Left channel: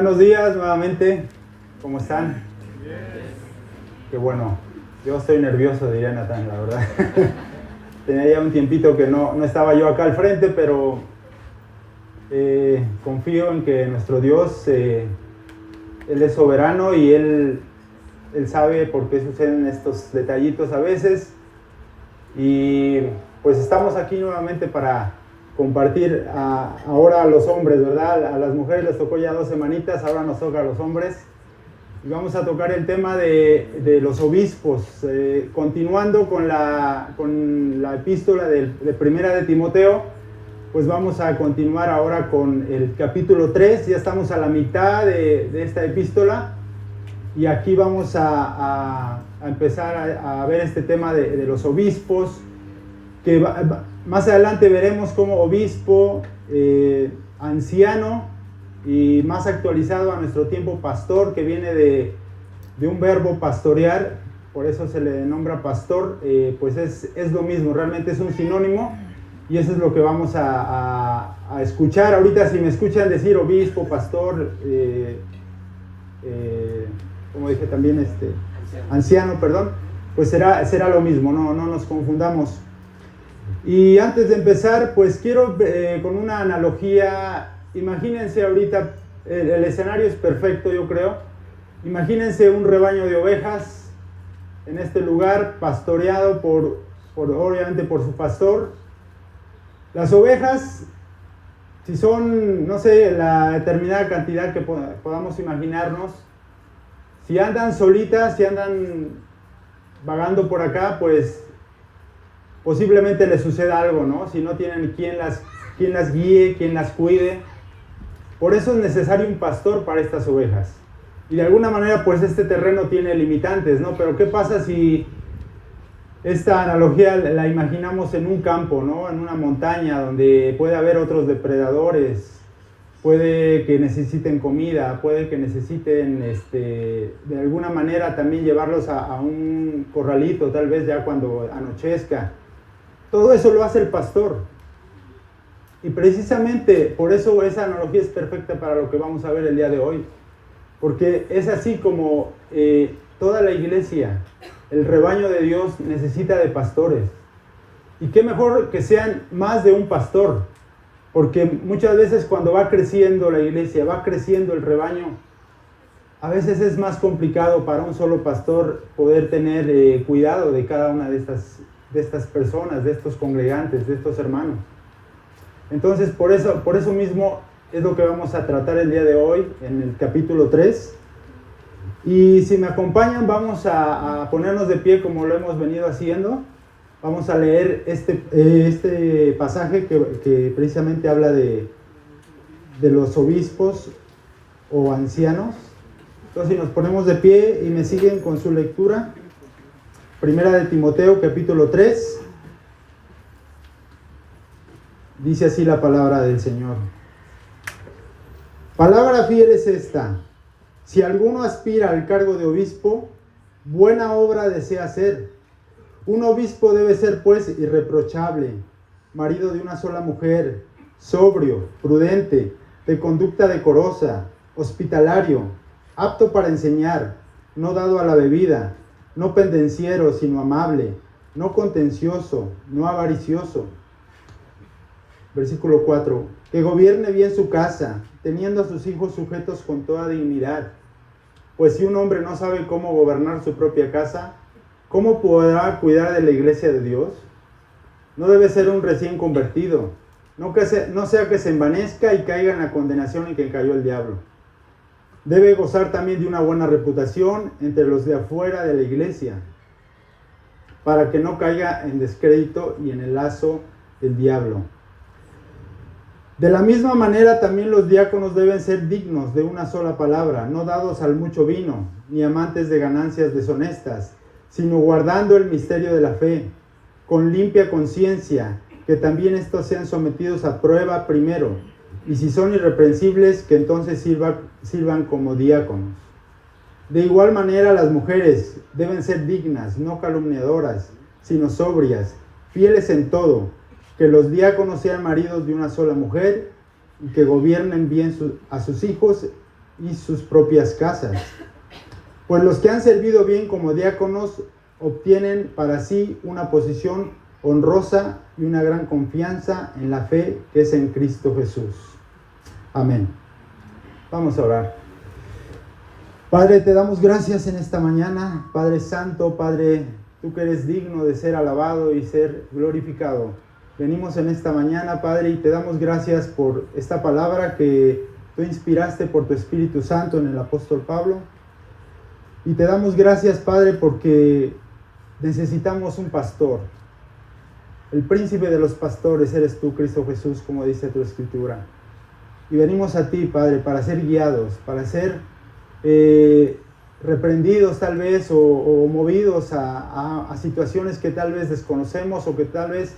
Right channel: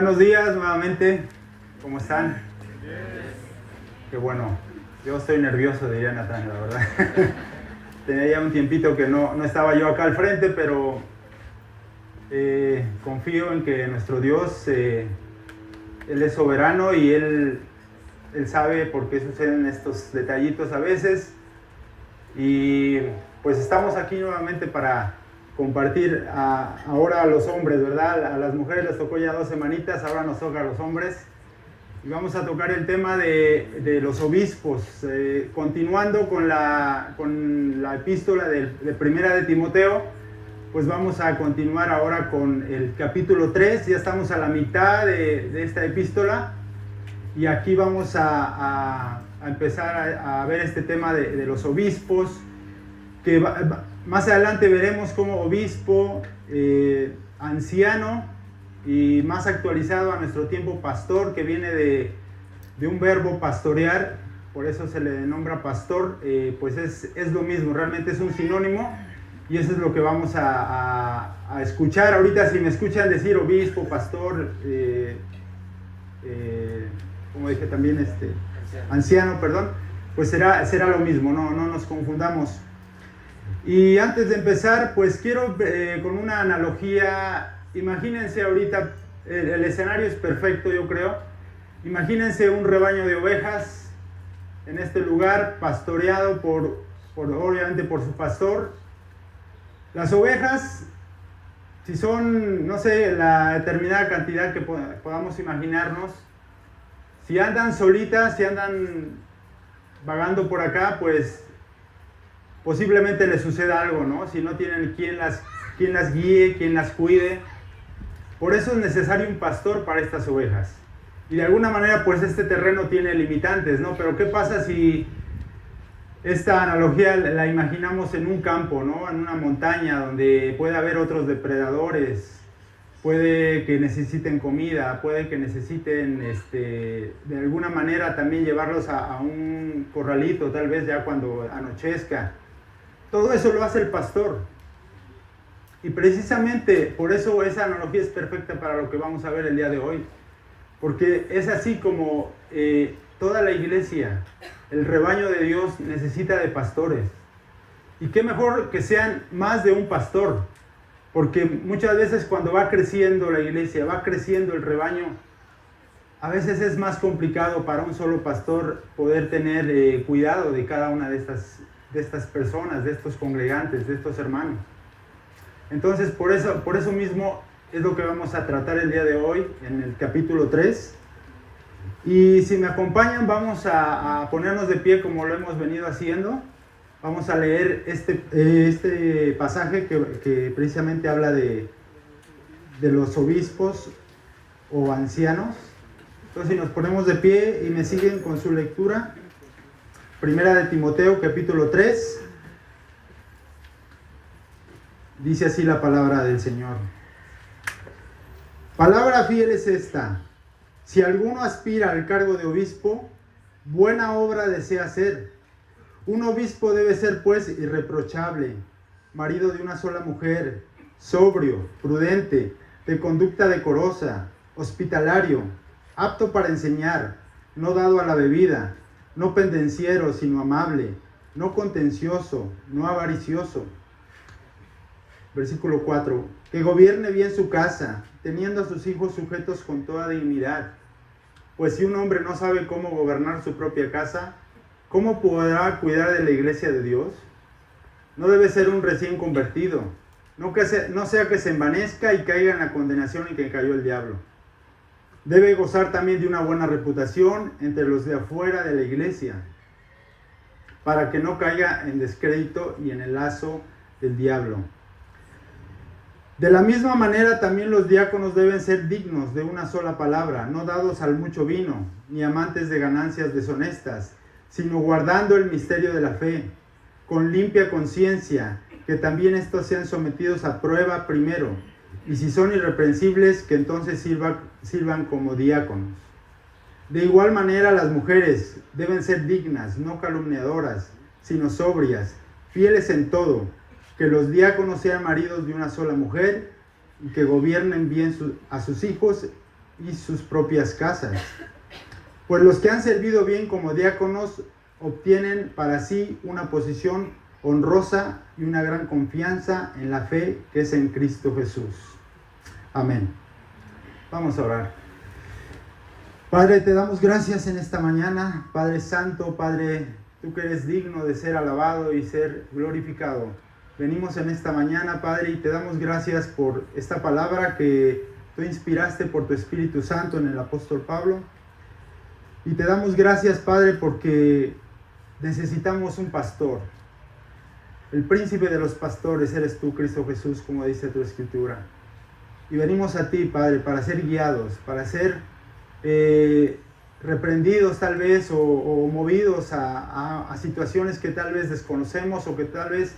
Buenos días nuevamente, ¿cómo están? Qué bueno, yo estoy nervioso, diría Natán, la verdad. Tenía ya un tiempito que no estaba yo acá al frente, pero confío en que nuestro Dios, Él es soberano y Él sabe por qué suceden estos detallitos a veces. Y pues estamos aquí nuevamente para compartir ahora a los hombres, ¿verdad? A las mujeres les tocó ya 2 semanitas, ahora nos toca a los hombres. Y vamos a tocar el tema de los obispos, continuando con la epístola de Primera de Timoteo. Pues vamos a continuar ahora con el capítulo 3, ya estamos a la mitad de esta epístola y aquí vamos a empezar a ver este tema de los obispos, que más adelante veremos como obispo, anciano y más actualizado a nuestro tiempo pastor, que viene de un verbo pastorear, por eso se le nombra pastor. Pues es lo mismo, realmente es un sinónimo y eso es lo que vamos a escuchar ahorita. Si me escuchan decir obispo, pastor, como dije también anciano, perdón, pues será lo mismo, no nos confundamos. Y antes de empezar, pues quiero con una analogía. Imagínense ahorita, el escenario es perfecto, yo creo. Imagínense un rebaño de ovejas en este lugar, pastoreado obviamente por su pastor. Las ovejas, si son, no sé, la determinada cantidad que podamos imaginarnos, si andan solitas, si andan vagando por acá, pues posiblemente les suceda algo, ¿no? Si no tienen quien las guíe, quien las cuide. Por eso es necesario un pastor para estas ovejas. Y de alguna manera, pues este terreno tiene limitantes, ¿no? Pero ¿qué pasa si esta analogía la imaginamos en un campo, ¿no? En una montaña donde puede haber otros depredadores, puede que necesiten comida, puede que necesiten de alguna manera también llevarlos a un corralito, tal vez ya cuando anochezca. Todo eso lo hace el pastor. Y precisamente por eso esa analogía es perfecta para lo que vamos a ver el día de hoy. Porque es así como toda la iglesia, el rebaño de Dios, necesita de pastores. Y qué mejor que sean más de un pastor. Porque muchas veces cuando va creciendo la iglesia, va creciendo el rebaño, a veces es más complicado para un solo pastor poder tener cuidado de cada una de estas personas, de estos congregantes, de estos hermanos. Entonces, por eso mismo es lo que vamos a tratar el día de hoy en el capítulo 3. Y si me acompañan, vamos a ponernos de pie como lo hemos venido haciendo. Vamos a leer este pasaje que precisamente habla de los obispos o ancianos. Entonces, si nos ponemos de pie y me siguen con su lectura, Primera de Timoteo, capítulo 3. Dice así la palabra del Señor. Palabra fiel es esta: si alguno aspira al cargo de obispo, buena obra desea hacer. Un obispo debe ser pues irreprochable, marido de una sola mujer, sobrio, prudente, de conducta decorosa, hospitalario, apto para enseñar, no dado a la bebida, no pendenciero, sino amable, no contencioso, no avaricioso. Versículo 4. Que gobierne bien su casa, teniendo a sus hijos sujetos con toda dignidad. Pues si un hombre no sabe cómo gobernar su propia casa, ¿cómo podrá cuidar de la iglesia de Dios? No debe ser un recién convertido, no sea que se envanezca y caiga en la condenación en que cayó el diablo. Debe gozar también de una buena reputación entre los de afuera de la iglesia, para que no caiga en descrédito y en el lazo del diablo. De la misma manera también los diáconos deben ser dignos de una sola palabra, no dados al mucho vino, ni amantes de ganancias deshonestas, sino guardando el misterio de la fe, con limpia conciencia, que también estos sean sometidos a prueba primero, y si son irreprensibles, que entonces sirvan como diáconos. De igual manera las mujeres deben ser dignas, no calumniadoras, sino sobrias, fieles en todo, que los diáconos sean maridos de una sola mujer y que gobiernen bien a sus hijos y sus propias casas. Pues los que han servido bien como diáconos obtienen para sí una posición honrosa y una gran confianza en la fe que es en Cristo Jesús. Amén. Vamos a orar. Padre, te damos gracias en esta mañana. Padre Santo, Padre, tú que eres digno de ser alabado y ser glorificado. Venimos en esta mañana, Padre, y te damos gracias por esta palabra que tú inspiraste por tu Espíritu Santo en el apóstol Pablo. Y te damos gracias, Padre, porque necesitamos un pastor. El príncipe de los pastores eres tú, Cristo Jesús, como dice tu Escritura. Y venimos a ti, Padre, para ser guiados, para ser reprendidos tal vez o movidos a situaciones que tal vez desconocemos o que tal vez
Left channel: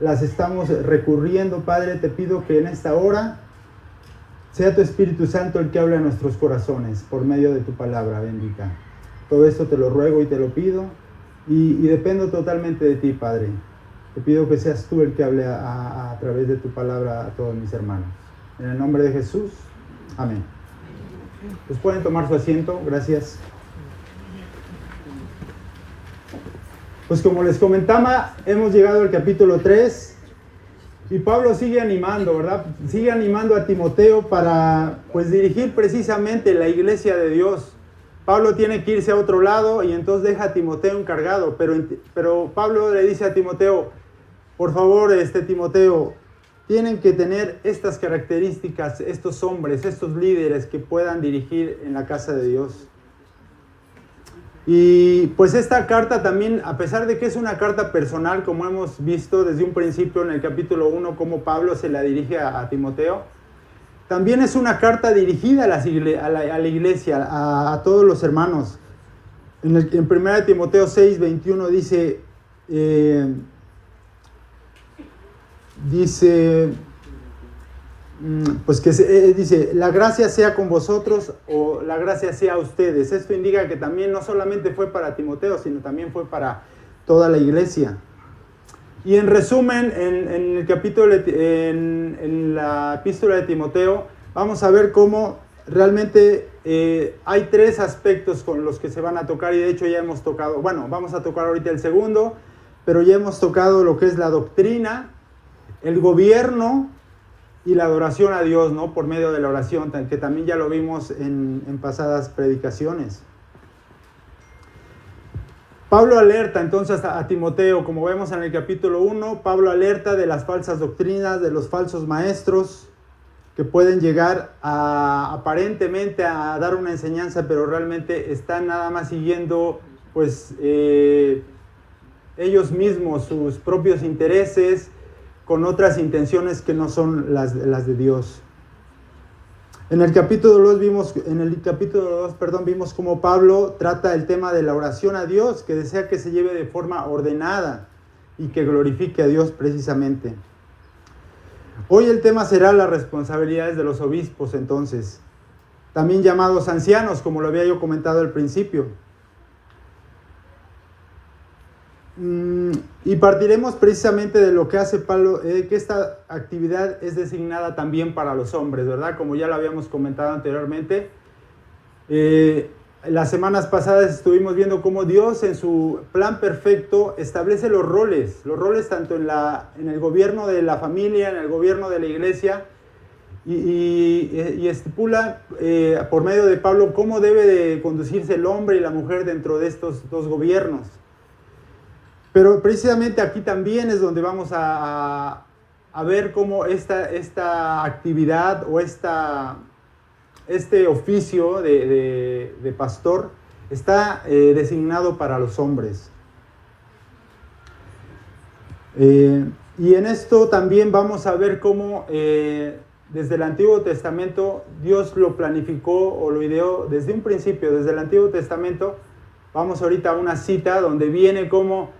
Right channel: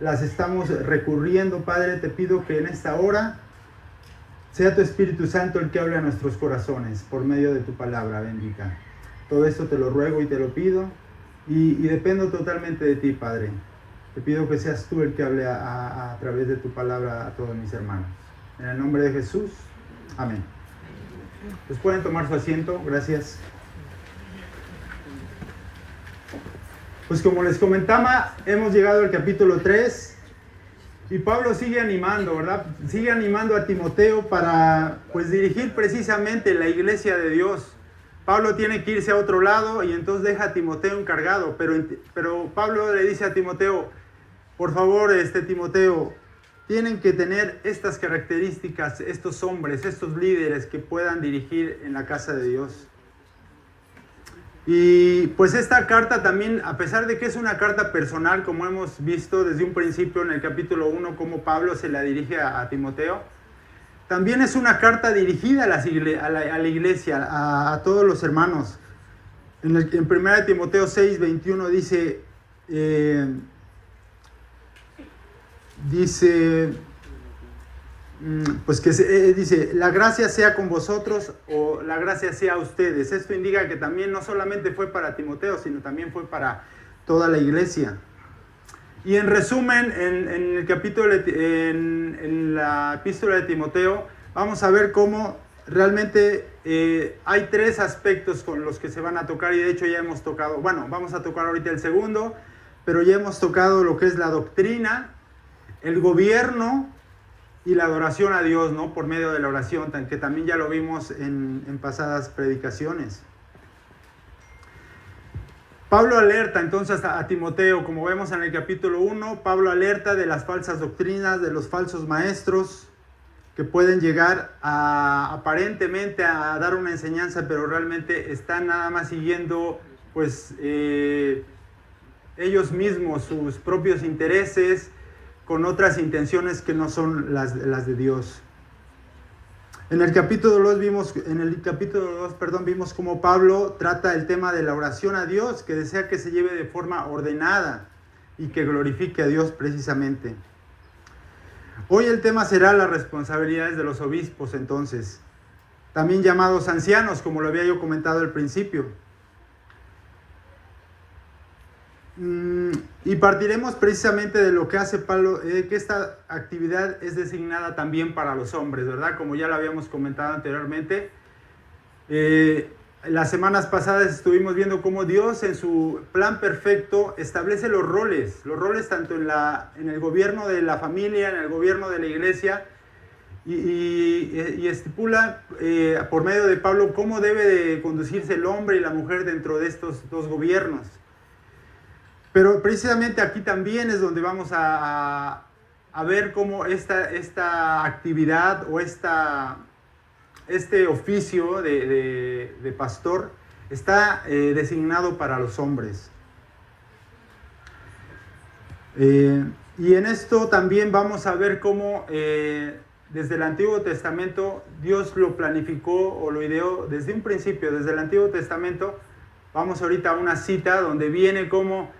las estamos recurriendo. Padre, te pido que en esta hora sea tu Espíritu Santo el que habla en nuestros corazones por medio de tu palabra bendita. Todo esto te lo ruego y te lo pido y dependo totalmente de ti, Padre. Te pido que seas tú el que hable a través de tu palabra a todos mis hermanos. En el nombre de Jesús, amén. Pues pueden tomar su asiento, gracias. Pues como les comentaba, hemos llegado al capítulo 3 y Pablo sigue animando, ¿verdad? Sigue animando a Timoteo para pues dirigir precisamente la iglesia de Dios. Pablo tiene que irse a otro lado y entonces deja a Timoteo encargado, pero Pablo le dice a Timoteo, por favor, Timoteo, tienen que tener estas características, estos hombres, estos líderes que puedan dirigir en la casa de Dios. Y pues esta carta también, a pesar de que es una carta personal, como hemos visto desde un principio en el capítulo 1, cómo Pablo se la dirige a Timoteo, también es una carta dirigida a la iglesia, a todos los hermanos. En 1 Timoteo 6, 21 dice, dice, la gracia sea con vosotros o la gracia sea a ustedes. Esto indica que también no solamente fue para Timoteo, sino también fue para toda la iglesia. Y en resumen, en la epístola de Timoteo, vamos a ver cómo realmente hay tres aspectos con los que se van a tocar, y de hecho ya hemos tocado, vamos a tocar ahorita el segundo, pero ya hemos tocado lo que es la doctrina, el gobierno y la adoración a Dios, ¿no? Por medio de la oración, que también ya lo vimos en pasadas predicaciones. Pablo alerta entonces a Timoteo, como vemos en el capítulo 1, Pablo alerta de las falsas doctrinas, de los falsos maestros que pueden llegar aparentemente a dar una enseñanza, pero realmente están nada más siguiendo pues ellos mismos, sus propios intereses, con otras intenciones que no son las de Dios. En el capítulo 2 vimos cómo Pablo trata el tema de la oración a Dios, que desea que se lleve de forma ordenada y que glorifique a Dios precisamente. Hoy el tema será las responsabilidades de los obispos, entonces, también llamados ancianos, como lo había yo comentado al principio. Y partiremos precisamente de lo que hace Pablo, que esta actividad es designada también para los hombres, ¿verdad? Como ya lo habíamos comentado anteriormente. Las semanas pasadas estuvimos viendo cómo Dios en su plan perfecto establece los roles tanto en el gobierno de la familia, en el gobierno de la iglesia, y estipula por medio de Pablo cómo debe de conducirse el hombre y la mujer dentro de estos dos gobiernos. Pero precisamente aquí también es donde vamos a ver cómo esta actividad o este oficio de pastor está designado para los hombres. Y en esto también vamos a ver cómo desde el Antiguo Testamento Dios lo planificó o lo ideó desde un principio, desde el Antiguo Testamento. Vamos ahorita a una cita donde viene cómo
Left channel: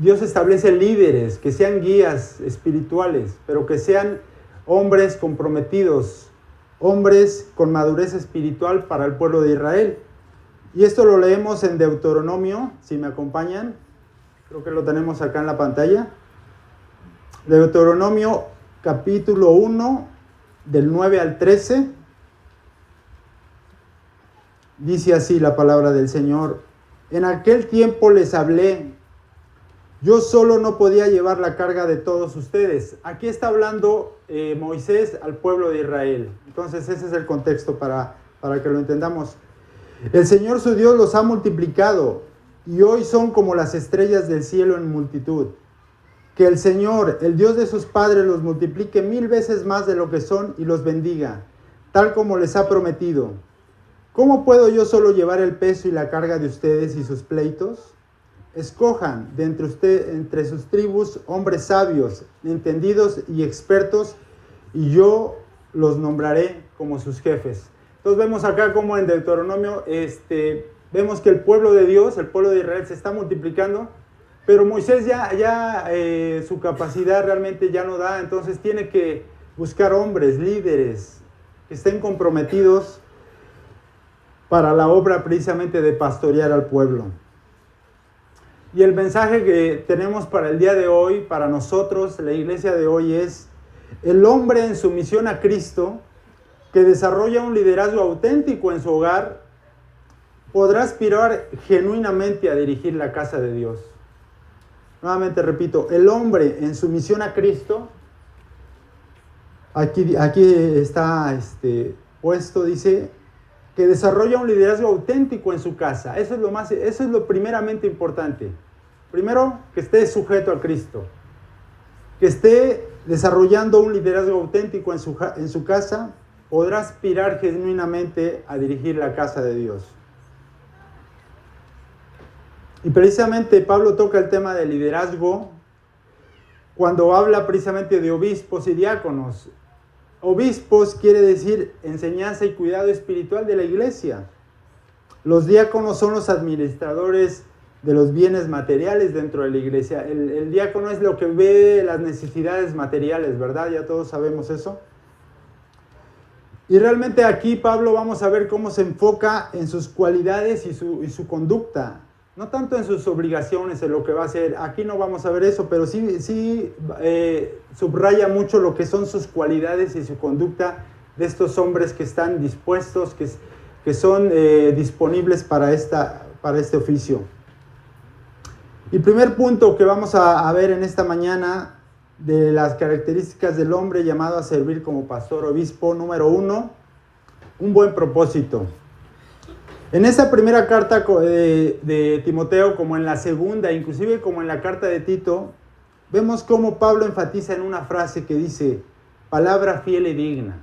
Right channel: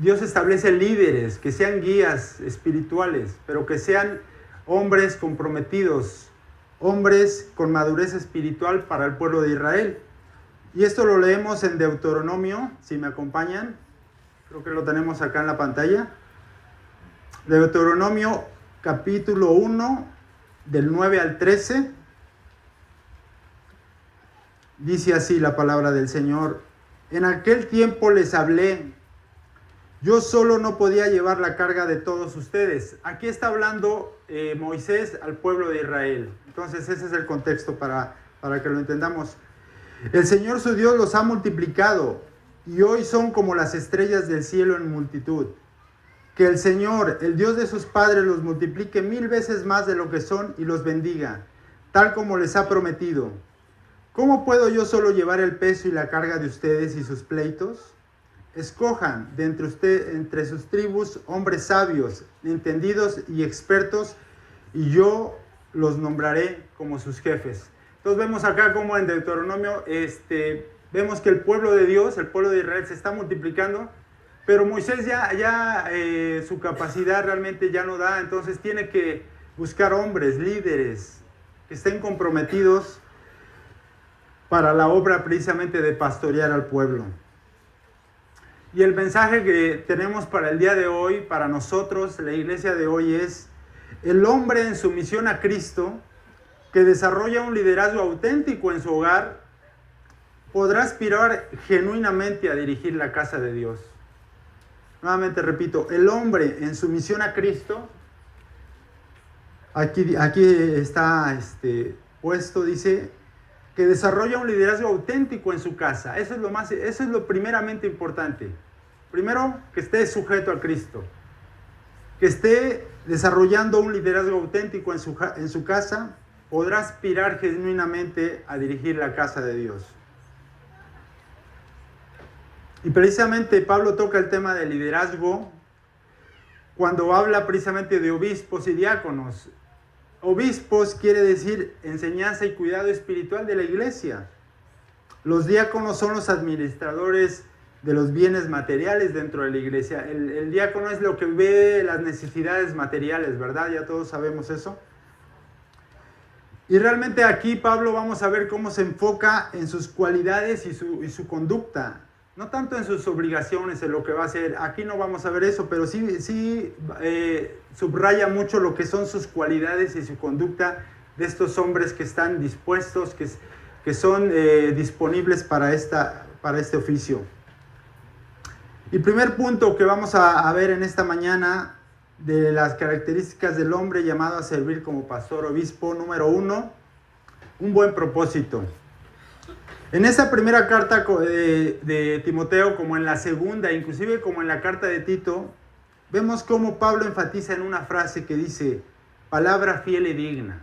Dios establece líderes que sean guías espirituales, pero que sean hombres comprometidos, hombres con madurez espiritual para el pueblo de Israel. Y esto lo leemos en Deuteronomio, si me acompañan, creo que lo tenemos acá en la pantalla. Deuteronomio capítulo 1, del 9 al 13. Dice así la palabra del Señor: en aquel tiempo les hablé, yo solo no podía llevar la carga de todos ustedes. Aquí está hablando Moisés al pueblo de Israel. Entonces ese es el contexto para que lo entendamos. El Señor su Dios los ha multiplicado y hoy son como las estrellas del cielo en multitud. Que el Señor, el Dios de sus padres, los multiplique 1000 veces más de lo que son y los bendiga, tal como les ha prometido. ¿Cómo puedo yo solo llevar el peso y la carga de ustedes y sus pleitos? Escojan de entre sus tribus hombres sabios, entendidos y expertos, y yo los nombraré como sus jefes. Entonces vemos acá como en Deuteronomio, vemos que el pueblo de Dios, el pueblo de Israel se está multiplicando, pero Moisés su capacidad realmente ya no da, entonces tiene que buscar hombres, líderes, que estén comprometidos para la obra precisamente de pastorear al pueblo. Y el mensaje que tenemos para el día de hoy, para nosotros, la iglesia de hoy, es: el hombre en su misión a Cristo, que desarrolla un liderazgo auténtico en su hogar, podrá aspirar genuinamente a dirigir la casa de Dios. Nuevamente repito, el hombre en su misión a Cristo, aquí está puesto, dice, que desarrolla un liderazgo auténtico en su casa. Eso es lo primeramente importante. Primero, que esté sujeto a Cristo, que esté desarrollando un liderazgo auténtico en su casa, podrá aspirar genuinamente a dirigir la casa de Dios. Y precisamente Pablo toca el tema del liderazgo cuando habla precisamente de obispos y diáconos. Obispos quiere decir enseñanza y cuidado espiritual de la iglesia. Los diáconos son los administradores de los bienes materiales dentro de la iglesia. El diácono es lo que ve las necesidades materiales, ¿verdad? Ya todos sabemos eso. Y realmente aquí Pablo vamos a ver cómo se enfoca en sus cualidades y su conducta. No tanto en sus obligaciones, en lo que va a hacer. Aquí no vamos a ver eso, pero sí subraya mucho lo que son sus cualidades y su conducta de estos hombres que están dispuestos, que son disponibles para este oficio. Y primer punto que vamos a ver en esta mañana de las características del hombre llamado a servir como pastor obispo: número 1, un buen propósito. En esa primera carta de Timoteo, como en la segunda, inclusive como en la carta de Tito, vemos cómo Pablo enfatiza en una frase que dice: palabra fiel y digna.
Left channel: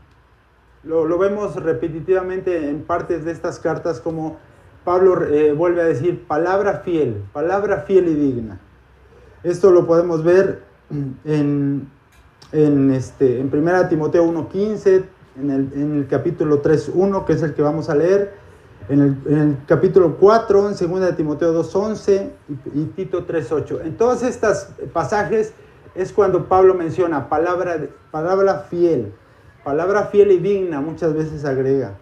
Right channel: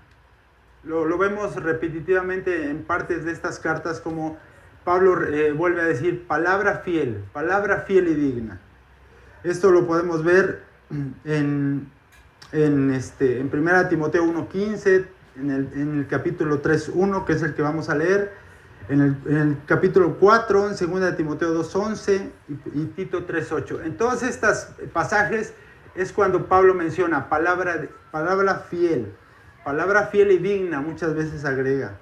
Lo vemos repetitivamente en partes de estas cartas, como Pablo vuelve a decir palabra fiel y digna. Esto lo podemos ver en 1 Timoteo 1:15, en el capítulo 3:1, que es el que vamos a leer, en el capítulo 4, en 2 Timoteo 2:11 y Tito 3:8. En todos estos pasajes es cuando Pablo menciona palabra fiel y digna, muchas veces agrega.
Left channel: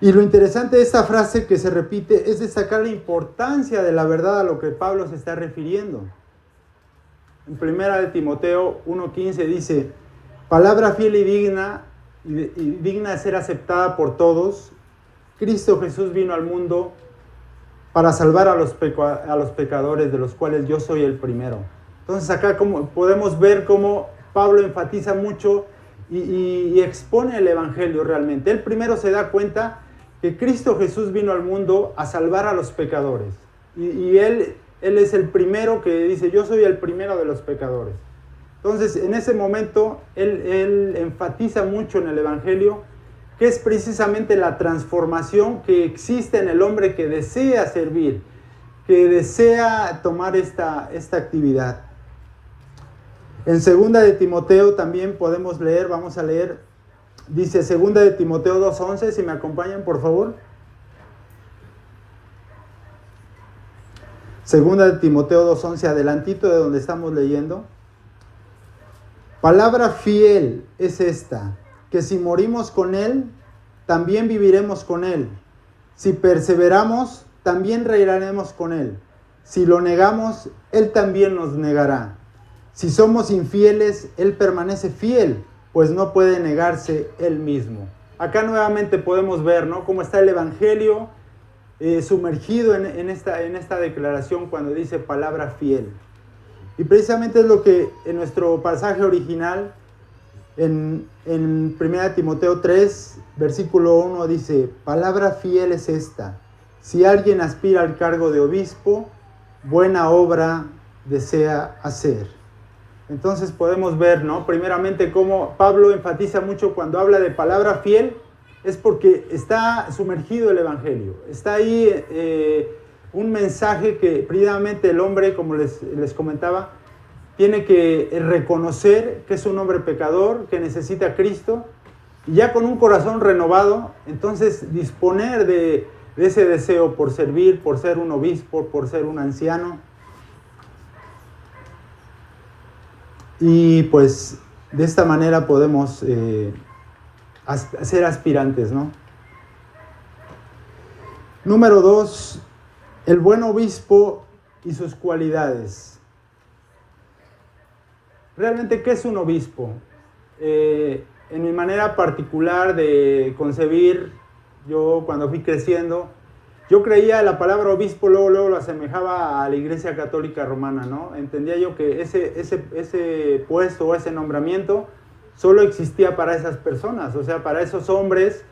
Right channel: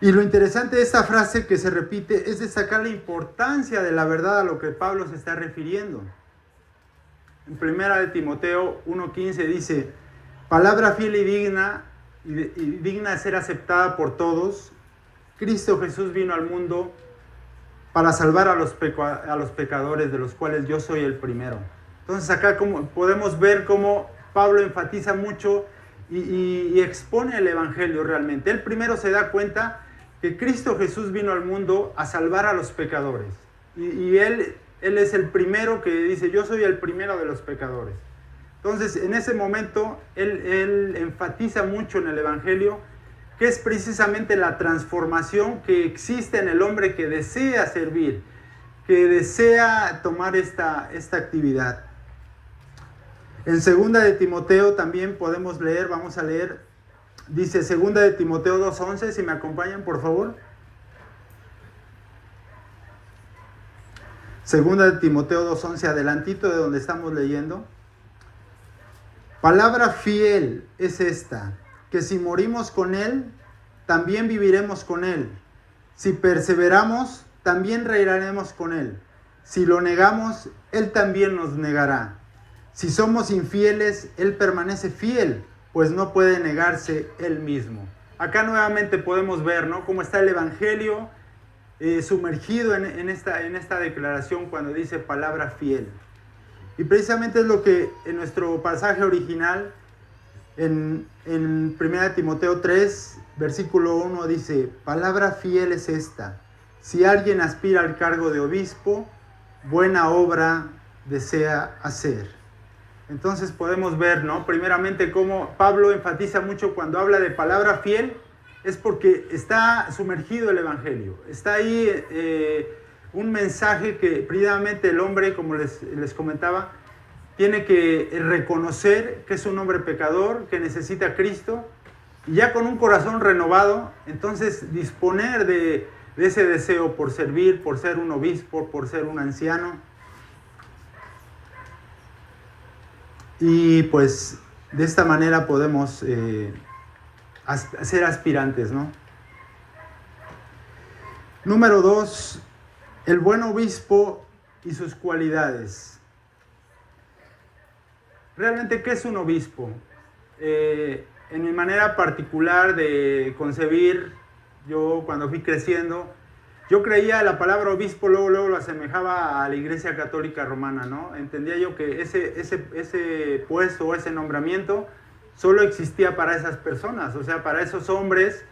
Y lo interesante de esta frase que se repite es destacar la importancia de la verdad a lo que Pablo se está refiriendo. En 1 Timoteo 1:15 dice: palabra fiel y digna de ser aceptada por todos. Cristo Jesús vino al mundo para salvar a los pecadores, de los cuales yo soy el primero. Entonces acá podemos ver cómo Pablo enfatiza mucho y expone el evangelio realmente. Él primero se da cuenta que Cristo Jesús vino al mundo a salvar a los pecadores. Y él es el primero que dice: yo soy el primero de los pecadores. Entonces en ese momento él enfatiza mucho en el evangelio que es precisamente la transformación que existe en el hombre que desea servir, que desea tomar esta actividad. En 2 de Timoteo también podemos leer, vamos a leer, dice 2 de Timoteo 2:11, si me acompañan por favor. 2 de Timoteo 2:11, adelantito de donde estamos leyendo. Palabra fiel es esta: que si morimos con Él, también viviremos con Él. Si perseveramos, también reinaremos con Él. Si lo negamos, Él también nos negará. Si somos infieles, Él permanece fiel, pues no puede negarse Él mismo. acá nuevamente podemos ver, ¿no?, cómo está el Evangelio sumergido en esta declaración cuando dice palabra fiel. Y precisamente es lo que en nuestro pasaje original, en 1 Timoteo 3, versículo 1 dice: palabra fiel es esta, si alguien aspira al cargo de obispo, buena obra desea hacer. Entonces podemos ver, ¿no?, primeramente cómo Pablo enfatiza mucho cuando habla de palabra fiel, es porque está sumergido el Evangelio. Está ahí un mensaje que previamente el hombre, como les comentaba, tiene que reconocer que es un hombre pecador, que necesita a Cristo, y ya con un corazón renovado, entonces disponer de ese deseo por servir, por ser un obispo, por ser un anciano. Y pues de esta manera podemos ser aspirantes, ¿no? Número 2, el buen obispo y sus cualidades. Realmente, ¿qué es un obispo? En mi manera particular de concebir, yo cuando fui creciendo, yo creía la palabra obispo, luego lo asemejaba a la Iglesia Católica Romana, ¿no? Entendía yo que ese puesto o ese nombramiento solo existía para esas personas, o sea, para esos hombres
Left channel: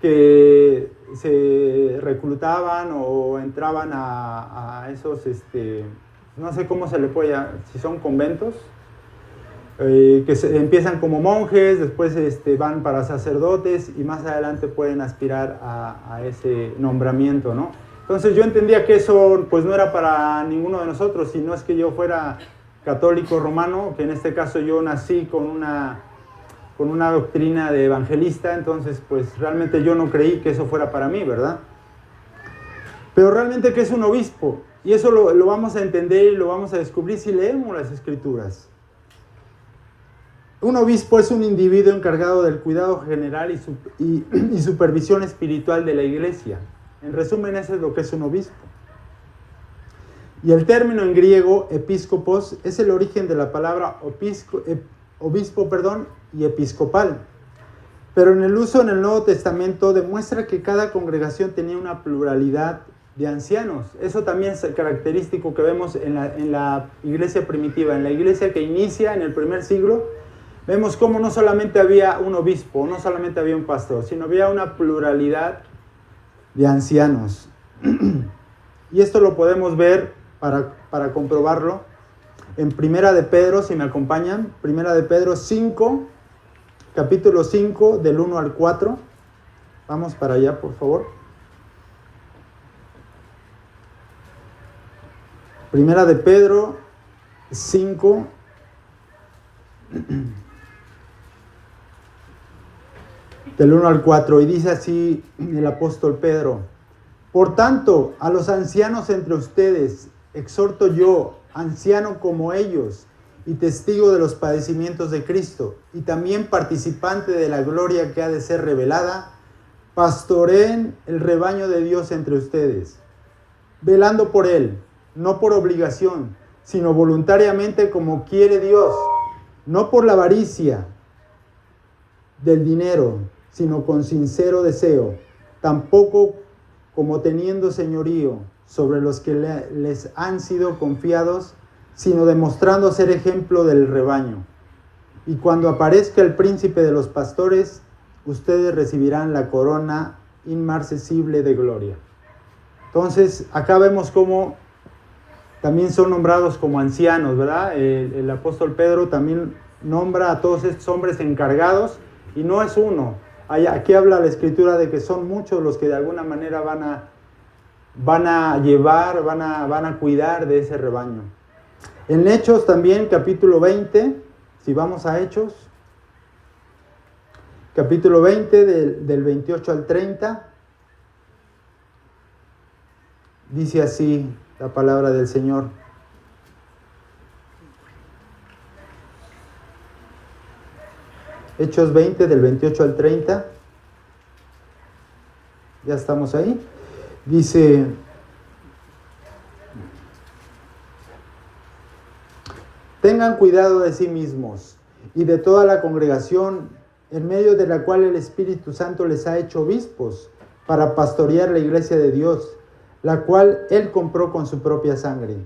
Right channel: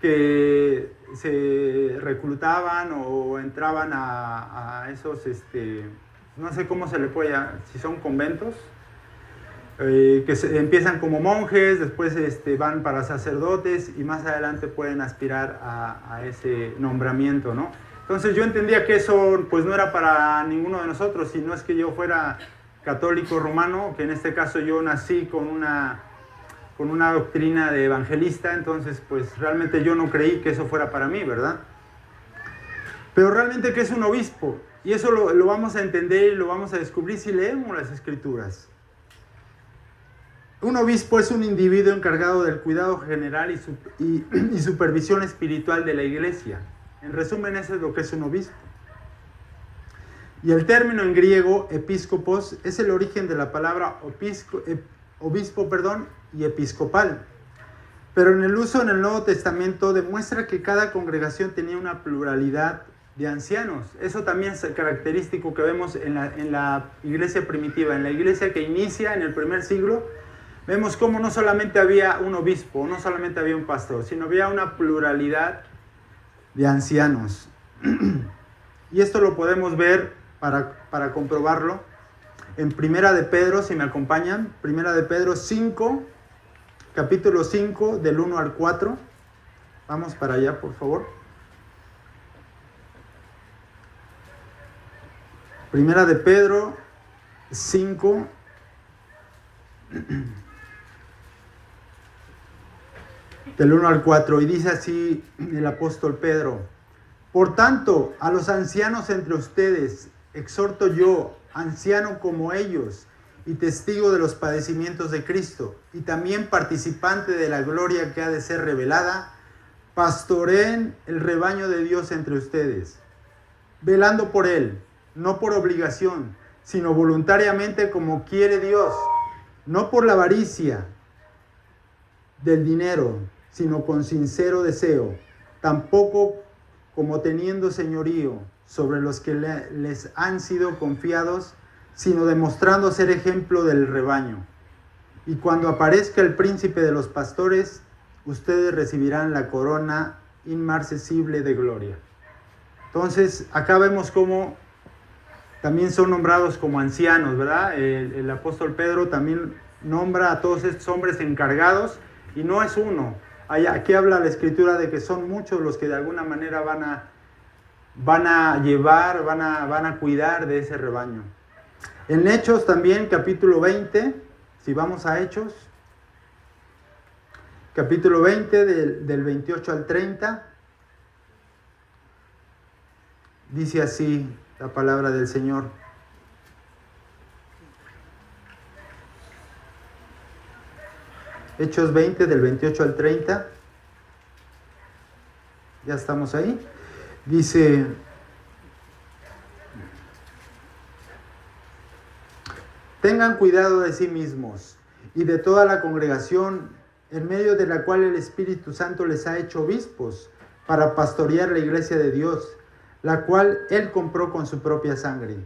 que se reclutaban o entraban a esos, no sé cómo se le puede llamar, si son conventos, que empiezan como monjes, después van para sacerdotes y más adelante pueden aspirar a ese nombramiento, ¿no? Entonces yo entendía que eso pues no era para ninguno de nosotros, si no es que yo fuera católico romano, que en este caso yo nací con una doctrina de evangelista, entonces pues realmente yo no creí que eso fuera para mí, ¿verdad? Pero realmente, ¿qué es un obispo? Y eso lo vamos a entender y lo vamos a descubrir si leemos las Escrituras. Un obispo es un individuo encargado del cuidado general y supervisión espiritual de la iglesia. En resumen, eso es lo que es un obispo. Y el término en griego, episcopos, es el origen de la palabra obispo, y episcopal. Pero en el uso en el Nuevo Testamento demuestra que cada congregación tenía una pluralidad de ancianos. Eso también es característico que vemos en la iglesia primitiva, en la iglesia que inicia en el primer siglo. Vemos cómo no solamente había un obispo, no solamente había un pastor, sino había una pluralidad de ancianos. Y esto lo podemos ver para comprobarlo en Primera de Pedro, si me acompañan, Primera de Pedro 5, capítulo 5, del 1 al 4. Vamos para allá, por favor. Primera de Pedro 5, del 1 al 4, y dice así el apóstol Pedro: por tanto, a los ancianos entre ustedes exhorto yo, anciano como ellos, y testigo de los padecimientos de Cristo, y también participante de la gloria que ha de ser revelada, pastoreen el rebaño de Dios entre ustedes, velando por él, no por obligación, sino voluntariamente como quiere Dios, no por la avaricia del dinero, sino con sincero deseo, tampoco como teniendo señorío sobre los que les han sido confiados, sino demostrando ser ejemplo del rebaño. Y cuando aparezca el príncipe de los pastores, ustedes recibirán la corona inmarcesible de gloria. Entonces, acá vemos cómo también son nombrados como ancianos, ¿verdad? El apóstol Pedro también nombra a todos estos hombres encargados, y no es uno. Aquí habla la Escritura de que son muchos los que de alguna manera van a llevar, van a cuidar de ese rebaño. En Hechos también, capítulo 20, si vamos a Hechos, capítulo 20 del 28 al 30, dice así la palabra del Señor. Hechos 20 del 28 al 30. Ya estamos ahí. Dice: tengan cuidado de sí mismos y de toda la congregación en medio de la cual el Espíritu Santo les ha hecho obispos para pastorear la iglesia de Dios, la cual Él compró con su propia sangre.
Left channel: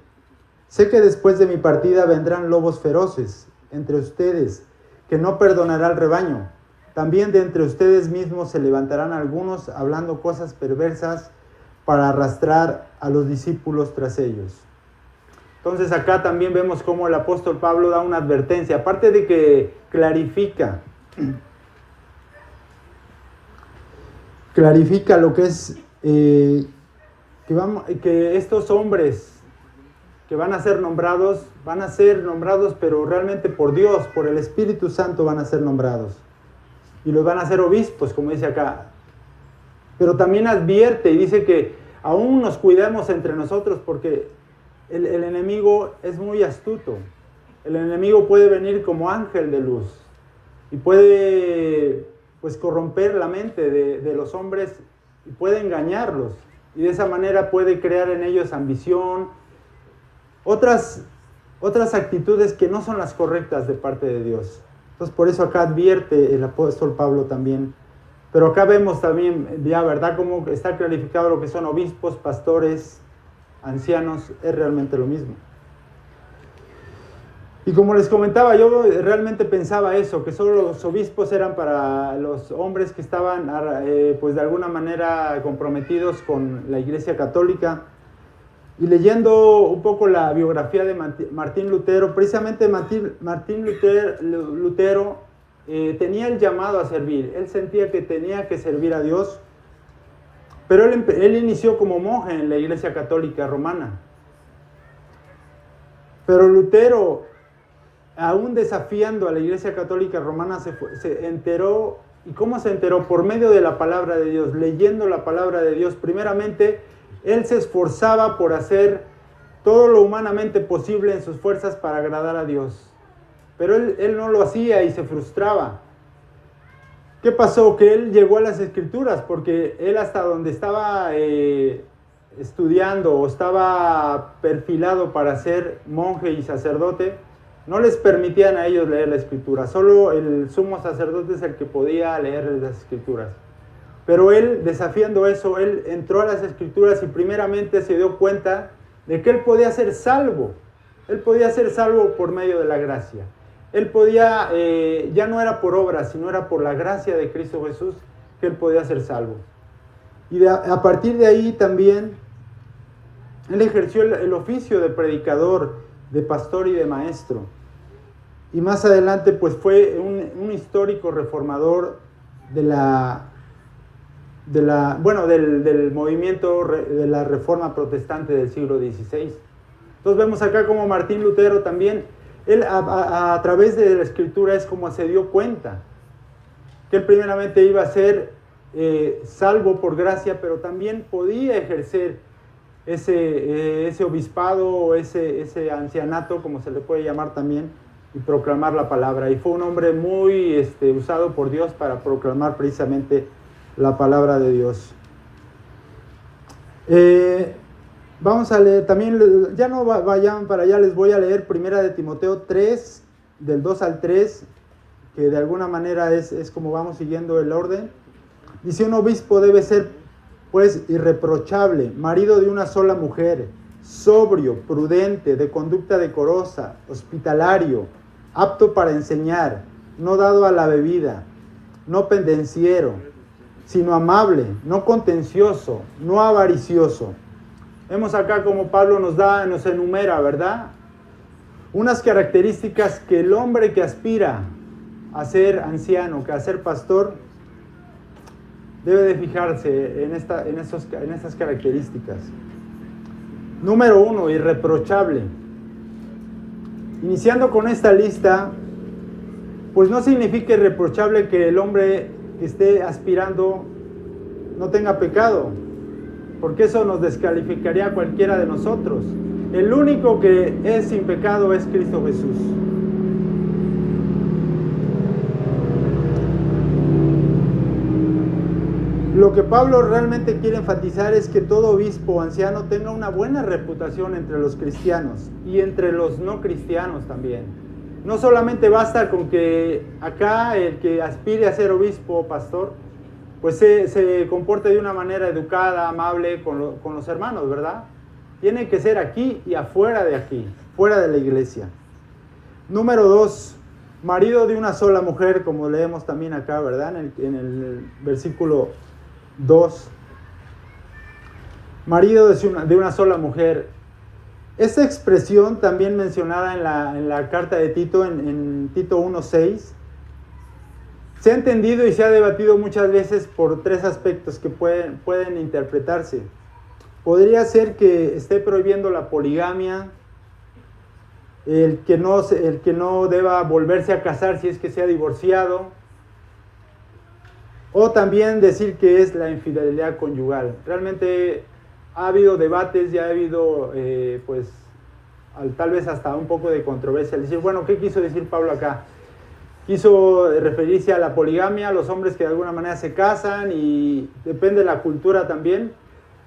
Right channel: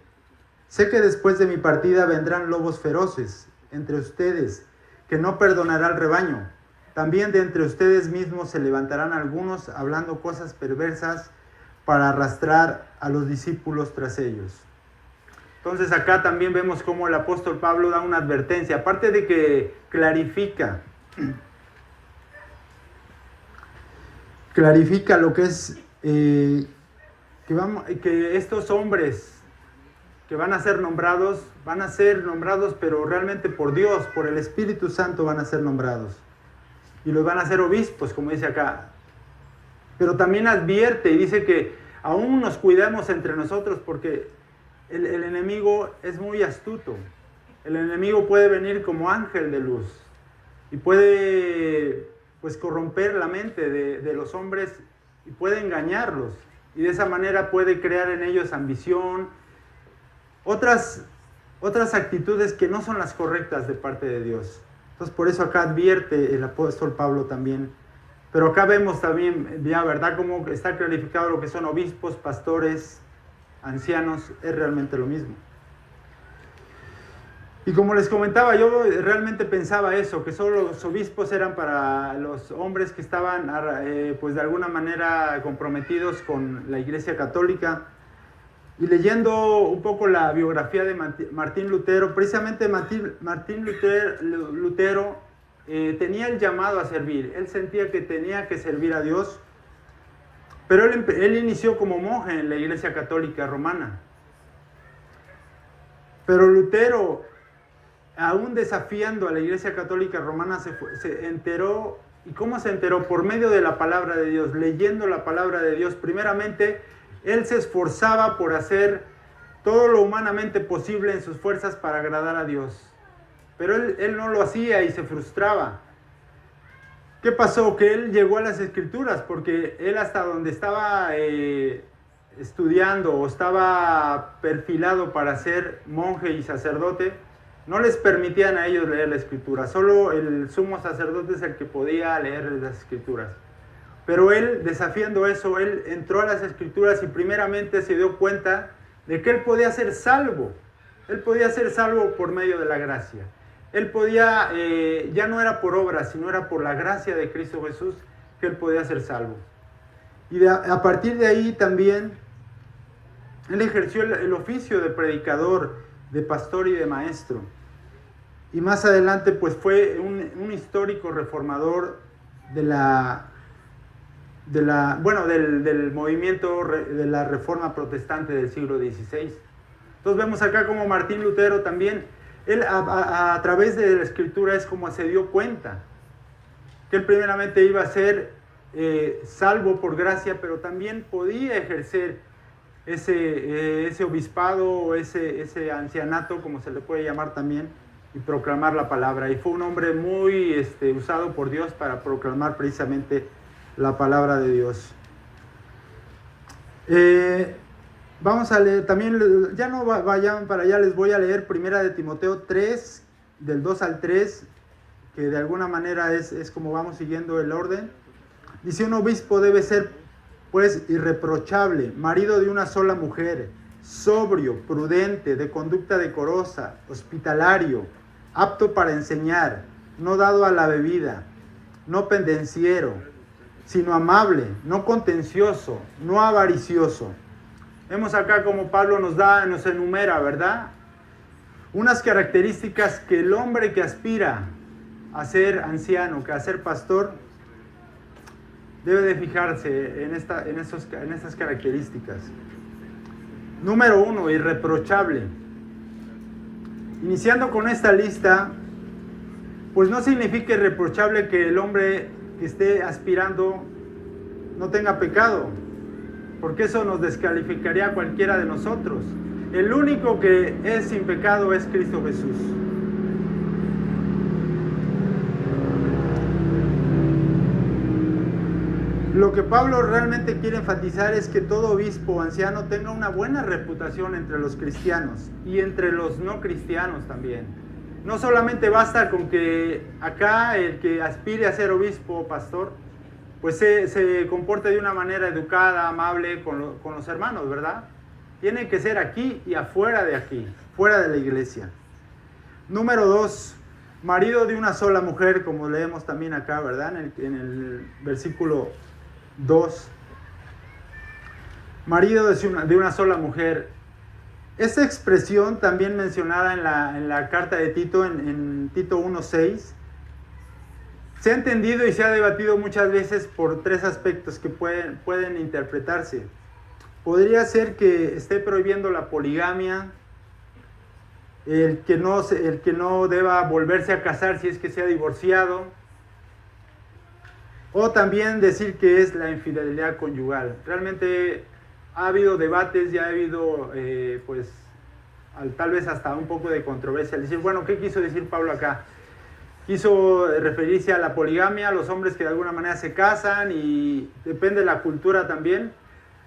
Sé que después de mi partida vendrán lobos feroces entre ustedes, que no perdonará al rebaño. También de entre ustedes mismos se levantarán algunos hablando cosas perversas para arrastrar a los discípulos tras ellos. Entonces acá también vemos cómo el apóstol Pablo da una advertencia, aparte de que clarifica lo que es que estos hombres que van a ser nombrados, pero realmente por Dios, por el Espíritu Santo van a ser nombrados. Y los van a hacer obispos, como dice acá. Pero también advierte y dice que aún nos cuidemos entre nosotros, porque el enemigo es muy astuto. El enemigo puede venir como ángel de luz y puede pues corromper la mente de los hombres y puede engañarlos. Y de esa manera puede crear en ellos ambición, otras actitudes que no son las correctas de parte de Dios. Entonces por eso acá advierte el apóstol Pablo también. Pero acá vemos también ya, ¿verdad?, cómo está clarificado lo que son obispos, pastores, ancianos, es realmente lo mismo. Y como les comentaba, yo realmente pensaba eso, que solo los obispos eran para los hombres que estaban pues de alguna manera comprometidos con la Iglesia Católica. Y leyendo un poco la biografía de Martín Lutero, precisamente Martín Lutero tenía el llamado a servir. Él sentía que tenía que servir a Dios, pero él inició como monje en la Iglesia Católica Romana. Pero Lutero, aún desafiando a la Iglesia Católica Romana, se enteró. ¿Y cómo se enteró? Por medio de la palabra de Dios, leyendo la palabra de Dios. Primeramente, él se esforzaba por hacer todo lo humanamente posible en sus fuerzas para agradar a Dios. Pero él no lo hacía y se frustraba. ¿Qué pasó? Que él llegó a las Escrituras, porque él hasta donde estaba estudiando o estaba perfilado para ser monje y sacerdote, no les permitían a ellos leer la Escritura. Solo el sumo sacerdote es el que podía leer las Escrituras. Pero él, desafiando eso, él entró a las Escrituras y primeramente se dio cuenta de que él podía ser salvo. Él podía ser salvo por medio de la gracia. Él podía, ya no era por obras, sino era por la gracia de Cristo Jesús que él podía ser salvo. Y a partir de ahí también, él ejerció el oficio de predicador, de pastor y de maestro. Y más adelante pues fue un histórico reformador del movimiento de la Reforma Protestante del siglo XVI. Entonces vemos acá como Martín Lutero también, él a través de la Escritura es como se dio cuenta que él primeramente iba a ser salvo por gracia, pero también podía ejercer ese obispado o ese ancianato, como se le puede llamar también, y proclamar la palabra. Y fue un hombre muy usado por Dios para proclamar precisamente la palabra de Dios. Vamos a leer, también ya no vayan para allá, les voy a leer 1 de Timoteo 3, del 2 al 3, que de alguna manera es como vamos siguiendo el orden. Dice: un obispo debe ser pues irreprochable, marido de una sola mujer, sobrio, prudente, de conducta decorosa, hospitalario, apto para enseñar, no dado a la bebida, no pendenciero, sino amable, no contencioso, no avaricioso. Vemos acá como Pablo nos enumera, ¿verdad?, unas características que el hombre que aspira a ser anciano, que a ser pastor, debe de fijarse en estas características. Número 1, irreprochable. Iniciando con esta lista, pues no significa irreprochable que el hombre que esté aspirando no tenga pecado, porque eso nos descalificaría a cualquiera de nosotros. El único que es sin pecado es Cristo Jesús. Lo que Pablo realmente quiere enfatizar es que todo obispo o anciano tenga una buena reputación entre los cristianos y entre los no cristianos también. no solamente basta con que acá el que aspire a ser obispo o pastor, pues se comporte de una manera educada, amable con los hermanos, ¿verdad? Tiene que ser aquí y afuera de aquí, fuera de la iglesia. Número 2, marido de una sola mujer, como leemos también acá, ¿verdad? En el versículo 2. Marido de una sola mujer. Esta expresión también mencionada en la carta de Tito, en Tito 1:6, se ha entendido y se ha debatido muchas veces por tres aspectos que pueden interpretarse. Podría ser que esté prohibiendo la poligamia, el que no deba volverse a casar si es que se ha divorciado, o también decir que es la infidelidad conyugal. Realmente ha habido debates, ya ha habido tal vez hasta un poco de controversia al decir, bueno, ¿qué quiso decir Pablo acá? Quiso referirse a la poligamia, a los hombres que de alguna manera se casan, y depende de la cultura también.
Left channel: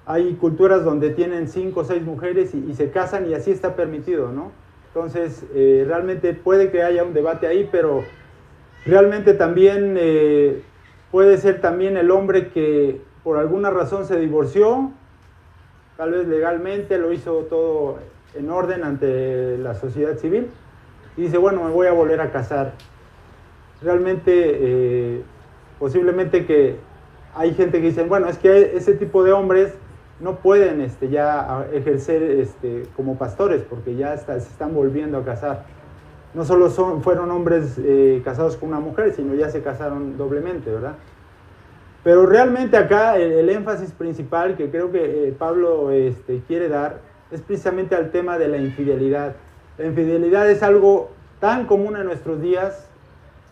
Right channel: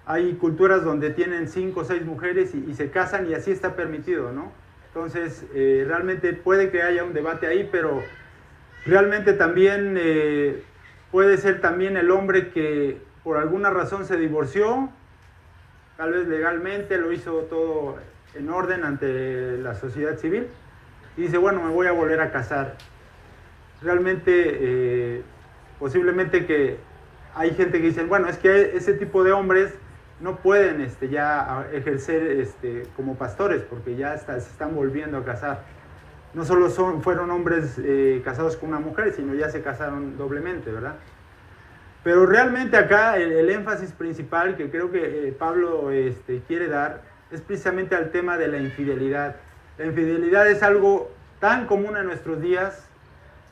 Hay culturas donde tienen 5 o 6 mujeres y se casan y así está permitido, ¿no? Entonces, realmente puede que haya un debate ahí, pero realmente también puede ser también el hombre que por alguna razón se divorció, tal vez legalmente, lo hizo todo en orden ante la sociedad civil, y dice, bueno, me voy a volver a casar. Realmente, posiblemente que hay gente que dice, bueno, es que ese tipo de hombres no pueden ya ejercer como pastores, porque ya se están volviendo a casar. No solo fueron hombres casados con una mujer, sino ya se casaron doblemente, ¿verdad? Pero realmente acá el énfasis principal que creo que Pablo quiere dar es precisamente al tema de la infidelidad. La infidelidad es algo tan común en nuestros días,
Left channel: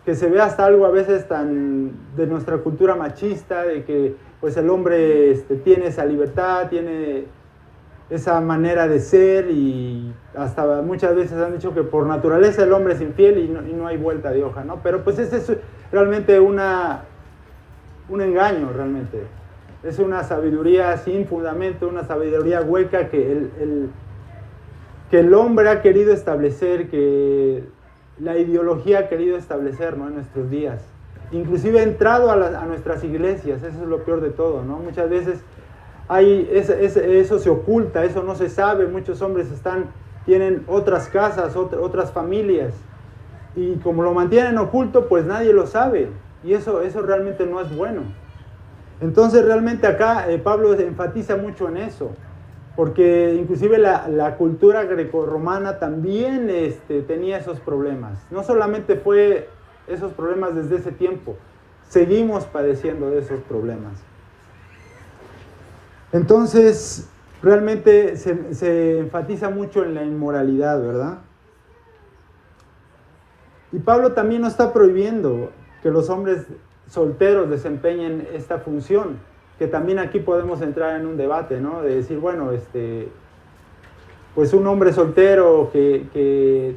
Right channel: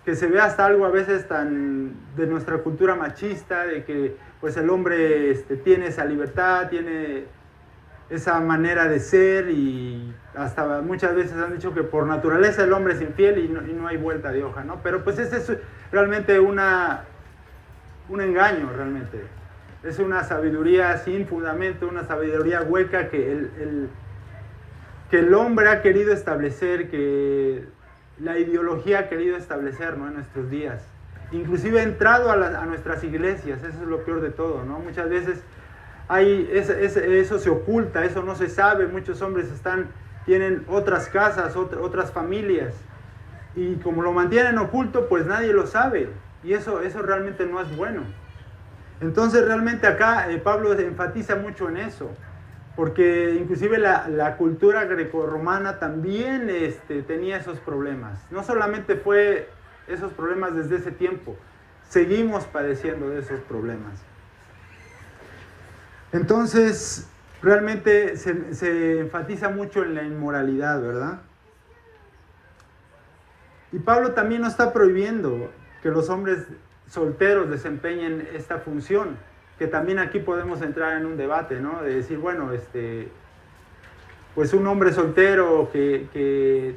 que se ve hasta algo a veces tan de nuestra cultura machista, de que pues el hombre tiene esa libertad, tiene esa manera de ser, y hasta muchas veces han dicho que por naturaleza el hombre es infiel y no hay vuelta de hoja, ¿no? Pero pues ese es realmente un engaño, realmente. Es una sabiduría sin fundamento, una sabiduría hueca que el hombre ha querido establecer, que la ideología ha querido establecer, ¿no?, en nuestros días. Inclusive ha entrado a nuestras iglesias, eso es lo peor de todo, ¿no? Muchas veces eso se oculta, eso no se sabe, muchos hombres tienen otras casas, otras familias, y como lo mantienen oculto, pues nadie lo sabe, y eso realmente no es bueno. Entonces realmente acá Pablo enfatiza mucho en eso, porque inclusive la cultura grecorromana también tenía esos problemas. No solamente fue esos problemas desde ese tiempo, seguimos padeciendo de esos problemas. Entonces, realmente se enfatiza mucho en la inmoralidad, ¿verdad? Y Pablo también no está prohibiendo que los hombres solteros desempeñen esta función, que también aquí podemos entrar en un debate, ¿no? De decir, bueno, pues un hombre soltero que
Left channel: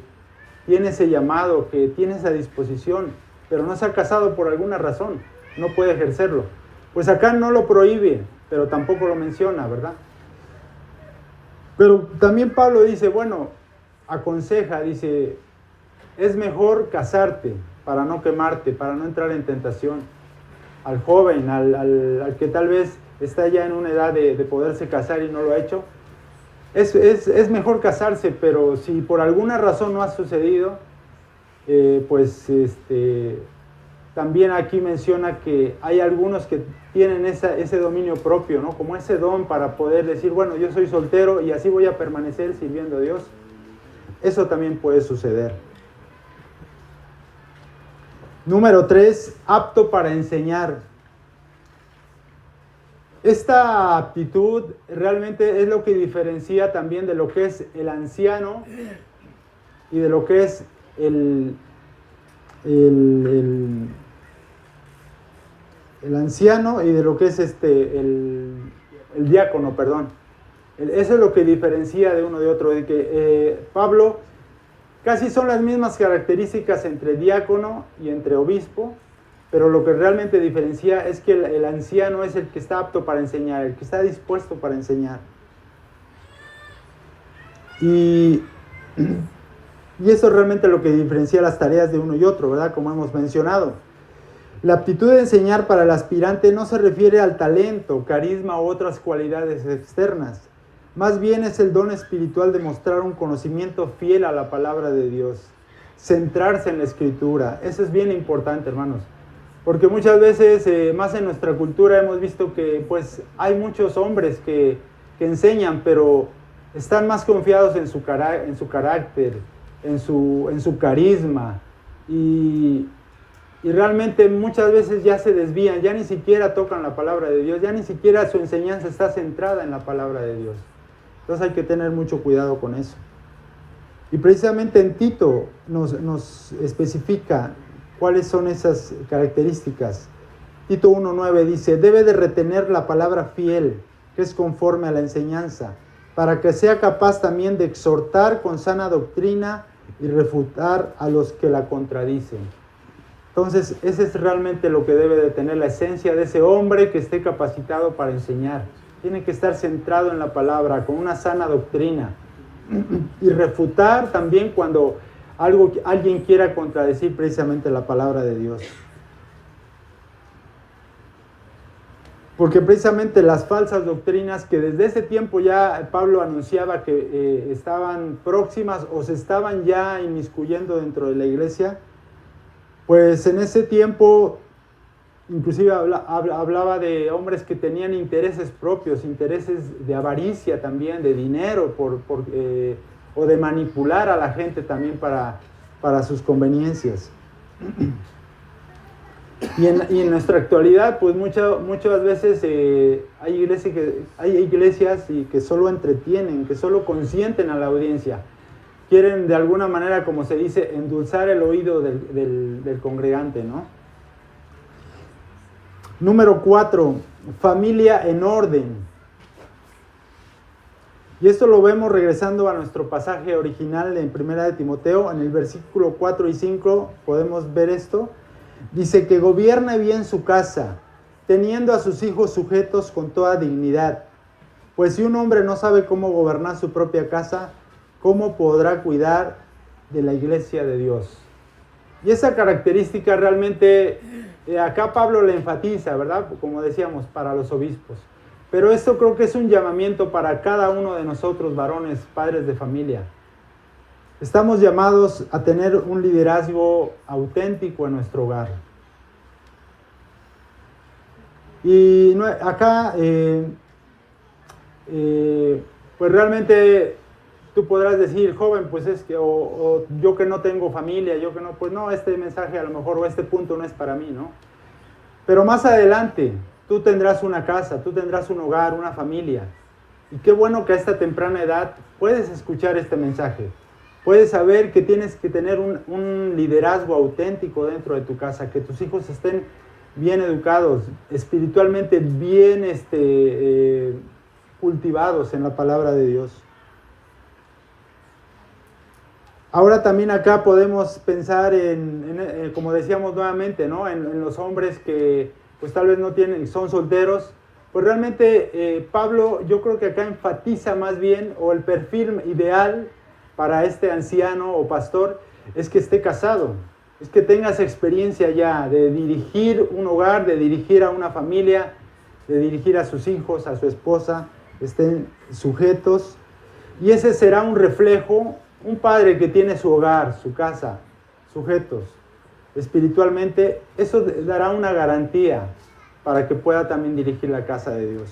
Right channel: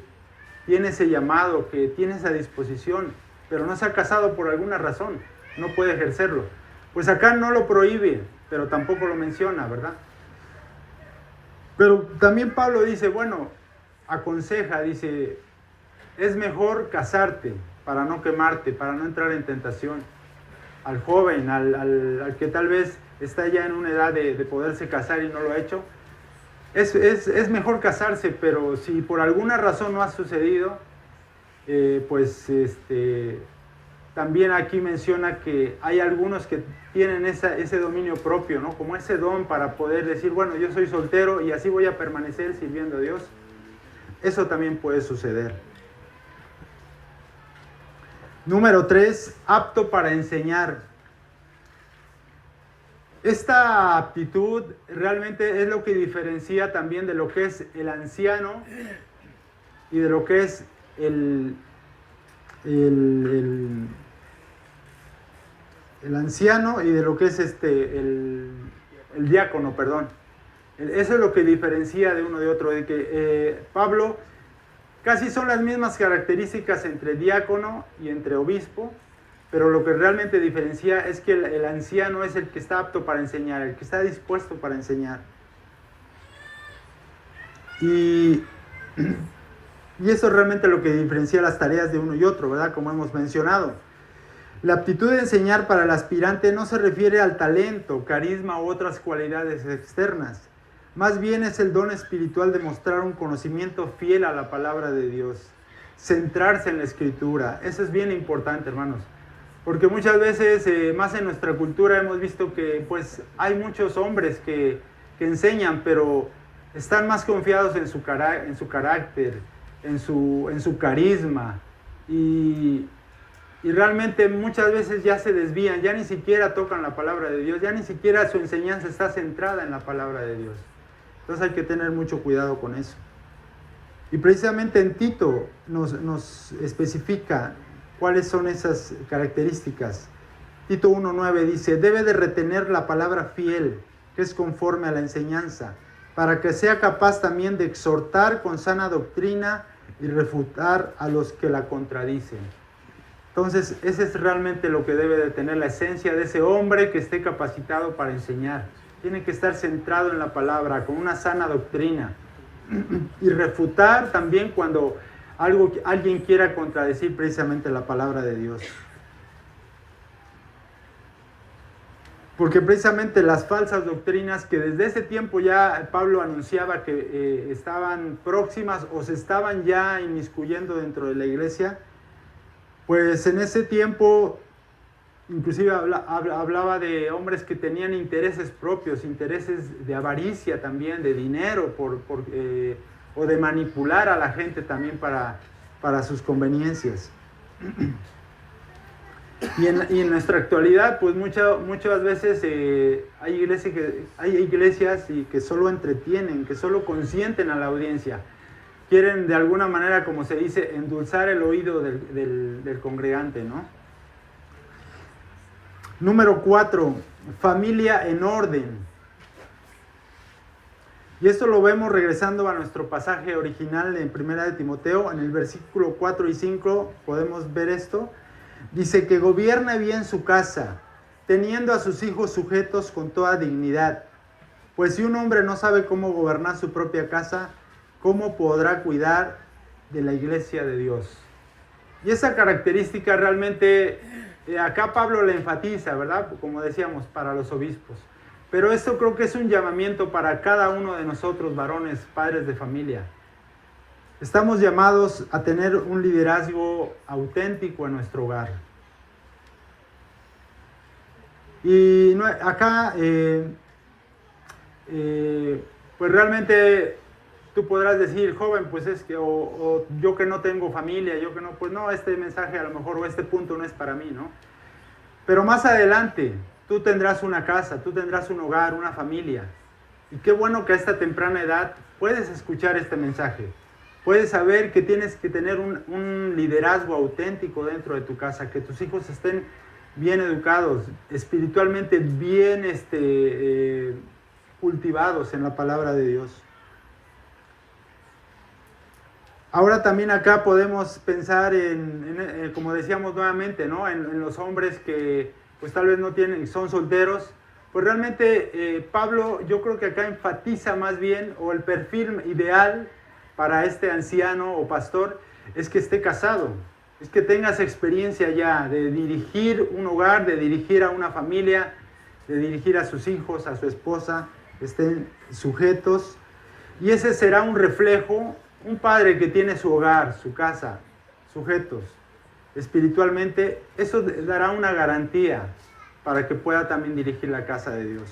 tiene ese llamado, que tiene esa disposición, pero no se ha casado por alguna razón, no puede ejercerlo. Pues acá no lo prohíbe, pero tampoco lo menciona, ¿verdad? Pero también Pablo dice, bueno, aconseja, dice, es mejor casarte para no quemarte, para no entrar en tentación. Al joven, al que tal vez está ya en una edad de poderse casar y no lo ha hecho, es mejor casarse, pero si por alguna razón no ha sucedido, también aquí menciona que hay algunos que tienen ese dominio propio, ¿no? Como ese don para poder decir, bueno, yo soy soltero y así voy a permanecer sirviendo a Dios. Eso también puede suceder. Número 3, apto para enseñar. Esta aptitud realmente es lo que diferencia también de lo que es el anciano y de lo que es el anciano y de lo que es el diácono, perdón. Eso es lo que diferencia de uno de otro, de que Pablo casi son las mismas características entre diácono y entre obispo, pero lo que realmente diferencia es que el anciano es el que está apto para enseñar, el que está dispuesto para enseñar. Y Y eso es realmente lo que diferencia las tareas de uno y otro, ¿verdad? Como hemos mencionado. La aptitud de enseñar para el aspirante no se refiere al talento, carisma u otras cualidades externas. Más bien es el don espiritual de mostrar un conocimiento fiel a la palabra de Dios. Centrarse en la Escritura. Eso es bien importante, hermanos. Porque muchas veces, más en nuestra cultura, hemos visto que pues hay muchos hombres que enseñan, pero están más confiados en su carácter, en su carisma. Y realmente muchas veces ya se desvían, ya ni siquiera tocan la palabra de Dios, ya ni siquiera su enseñanza está centrada en la palabra de Dios. Entonces hay que tener mucho cuidado con eso. Y precisamente en Tito nos especifica cuáles son esas características. Tito 1:9 dice, debe de retener la palabra fiel, que es conforme a la enseñanza, para que sea capaz también de exhortar con sana doctrina y refutar a los que la contradicen. Entonces, ese es realmente lo que debe de tener la esencia de ese hombre que esté capacitado para enseñar. Tiene que estar centrado en la palabra, con una sana doctrina. Y refutar también cuando alguien quiera contradecir precisamente la palabra de Dios. Porque precisamente las falsas doctrinas que desde ese tiempo ya Pablo anunciaba que estaban próximas o se estaban ya inmiscuyendo dentro de la iglesia, pues en ese tiempo inclusive hablaba de hombres que tenían intereses propios, intereses de avaricia también, de dinero, o de manipular a la gente también para sus conveniencias. Y en nuestra actualidad, pues muchas veces hay iglesias que solo entretienen, que solo consienten a la audiencia. Quieren de alguna manera, como se dice, endulzar el oído del congregante, ¿no? Número 4, familia en orden. Y esto lo vemos regresando a nuestro pasaje original en 1 de Timoteo, en el versículo 4 y 5 podemos ver esto. Dice que gobierne bien su casa, teniendo a sus hijos sujetos con toda dignidad. Pues si un hombre no sabe cómo gobernar su propia casa, ¿cómo podrá cuidar de la iglesia de Dios? Y esa característica realmente, acá Pablo le enfatiza, ¿verdad? Como decíamos, para los obispos. Pero esto creo que es un llamamiento para cada uno de nosotros, varones, padres de familia. Estamos llamados a tener un liderazgo auténtico en nuestro hogar. Y acá, pues realmente tú podrás decir, joven, pues es que, o yo que no tengo familia, yo que no, pues no, este mensaje a lo mejor, o este punto no es para mí, ¿no? Pero más adelante, tú tendrás una casa, tú tendrás un hogar, una familia. Y qué bueno que a esta temprana edad puedes escuchar este mensaje. Puedes saber que tienes que tener un liderazgo auténtico dentro de tu casa, que tus hijos estén bien educados, espiritualmente bien cultivados en la palabra de Dios. Ahora también acá podemos pensar en como decíamos nuevamente, ¿no? En los hombres que pues tal vez no tienen, son solteros. Pues realmente Pablo, yo creo que acá enfatiza más bien, o el perfil ideal para este anciano o pastor es que esté casado, es que tengas experiencia ya de dirigir un hogar, de dirigir a una familia, de dirigir a sus hijos, a su esposa, estén sujetos. Y ese será un reflejo, un padre que tiene su hogar, su casa, sujetos espiritualmente, eso dará una garantía para que pueda también dirigir la casa de Dios.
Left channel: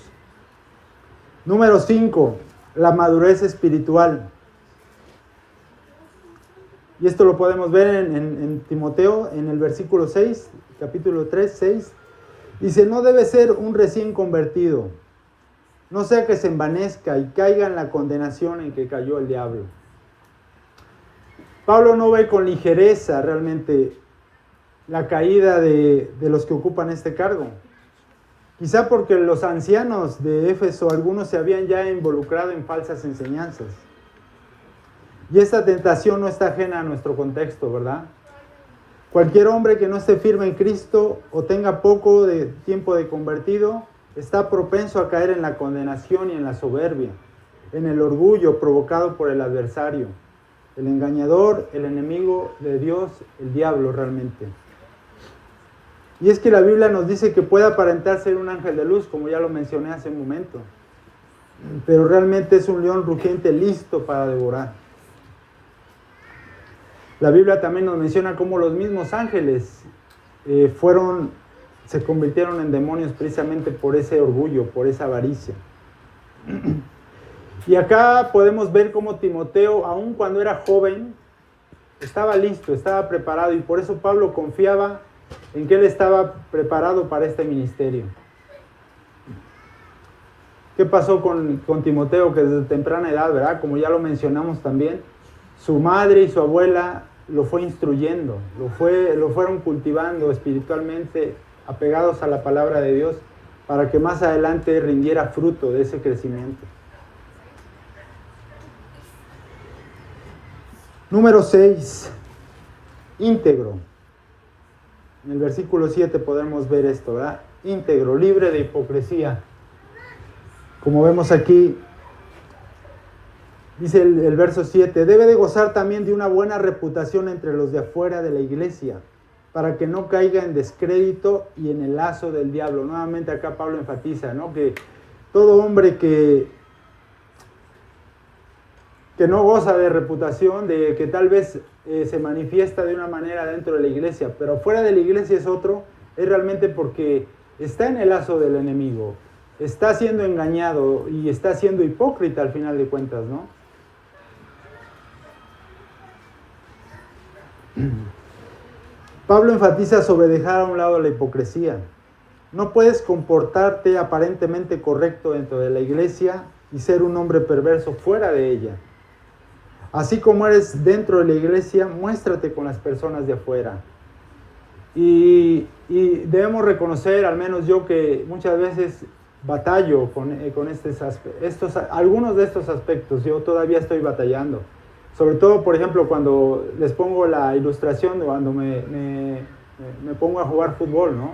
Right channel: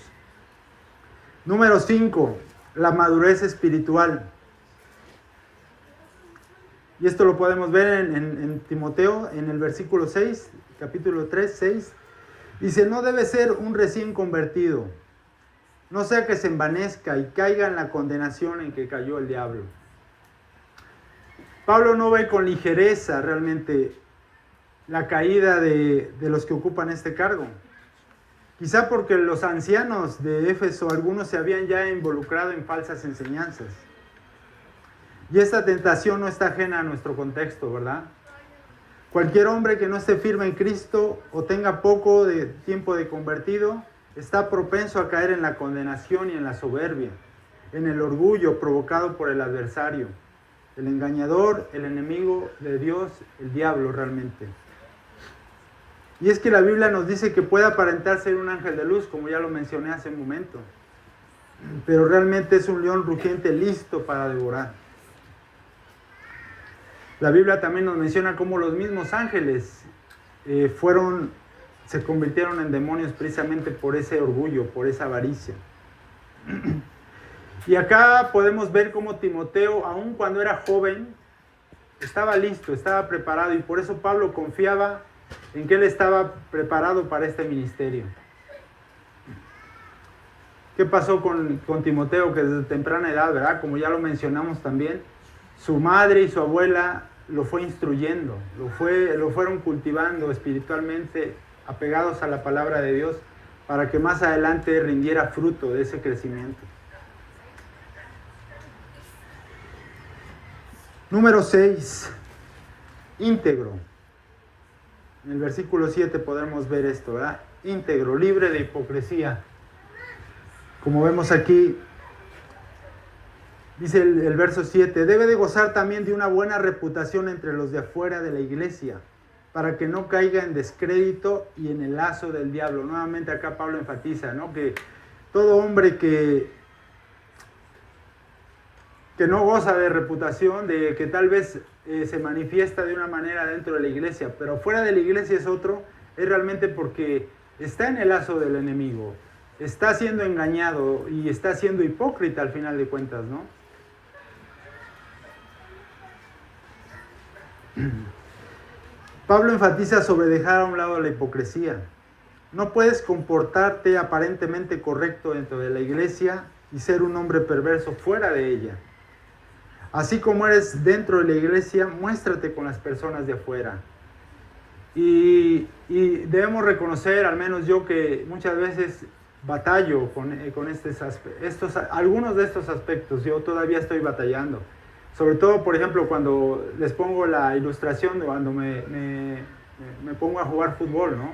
Número 5, la madurez espiritual. Y esto lo podemos ver en Timoteo, en el versículo 6, capítulo 3, 6. Dice, no debe ser un recién convertido, no sea que se envanezca y caiga en la condenación en que cayó el diablo. Pablo no ve con ligereza realmente la caída de los que ocupan este cargo. Quizá porque los ancianos de Éfeso, algunos se habían ya involucrado en falsas enseñanzas. Y esta tentación no está ajena a nuestro contexto, ¿verdad? Cualquier hombre que no esté firme en Cristo o tenga poco de tiempo de convertido, está propenso a caer en la condenación y en la soberbia, en el orgullo provocado por el adversario. El engañador, el enemigo de Dios, el diablo realmente. Y es que la Biblia nos dice que puede aparentar ser un ángel de luz, como ya lo mencioné hace un momento. Pero realmente es un león rugiente listo para devorar. La Biblia también nos menciona cómo los mismos ángeles se convirtieron en demonios precisamente por ese orgullo, por esa avaricia. Y acá podemos ver cómo Timoteo, aun cuando era joven, estaba listo, estaba preparado, y por eso Pablo confiaba en que él estaba preparado para este ministerio. ¿Qué pasó con Timoteo? Que desde temprana edad, ¿verdad? Como ya lo mencionamos también, su madre y su abuela lo fue instruyendo, lo fueron cultivando espiritualmente, apegados a la palabra de Dios, para que más adelante rindiera fruto de ese crecimiento. Número 6, íntegro. En el versículo 7 podemos ver esto, ¿verdad? Íntegro, libre de hipocresía. Como vemos aquí, dice el verso 7, debe de gozar también de una buena reputación entre los de afuera de la iglesia, para que no caiga en descrédito y en el lazo del diablo. Nuevamente acá Pablo enfatiza, ¿no?, que todo hombre que no goza de reputación, de que tal vez se manifiesta de una manera dentro de la iglesia, pero fuera de la iglesia es otro, es realmente porque está en el lazo del enemigo, está siendo engañado y está siendo hipócrita al final de cuentas, ¿no? Pablo enfatiza sobre dejar a un lado la hipocresía. No puedes comportarte aparentemente correcto dentro de la iglesia y ser un hombre perverso fuera de ella. Así como eres dentro de la iglesia, muéstrate con las personas de afuera. Y debemos reconocer, al menos yo, que muchas veces batallo con algunos de estos aspectos. Yo todavía estoy batallando. Sobre todo, por ejemplo, cuando les pongo la ilustración, cuando me pongo a jugar fútbol, ¿no?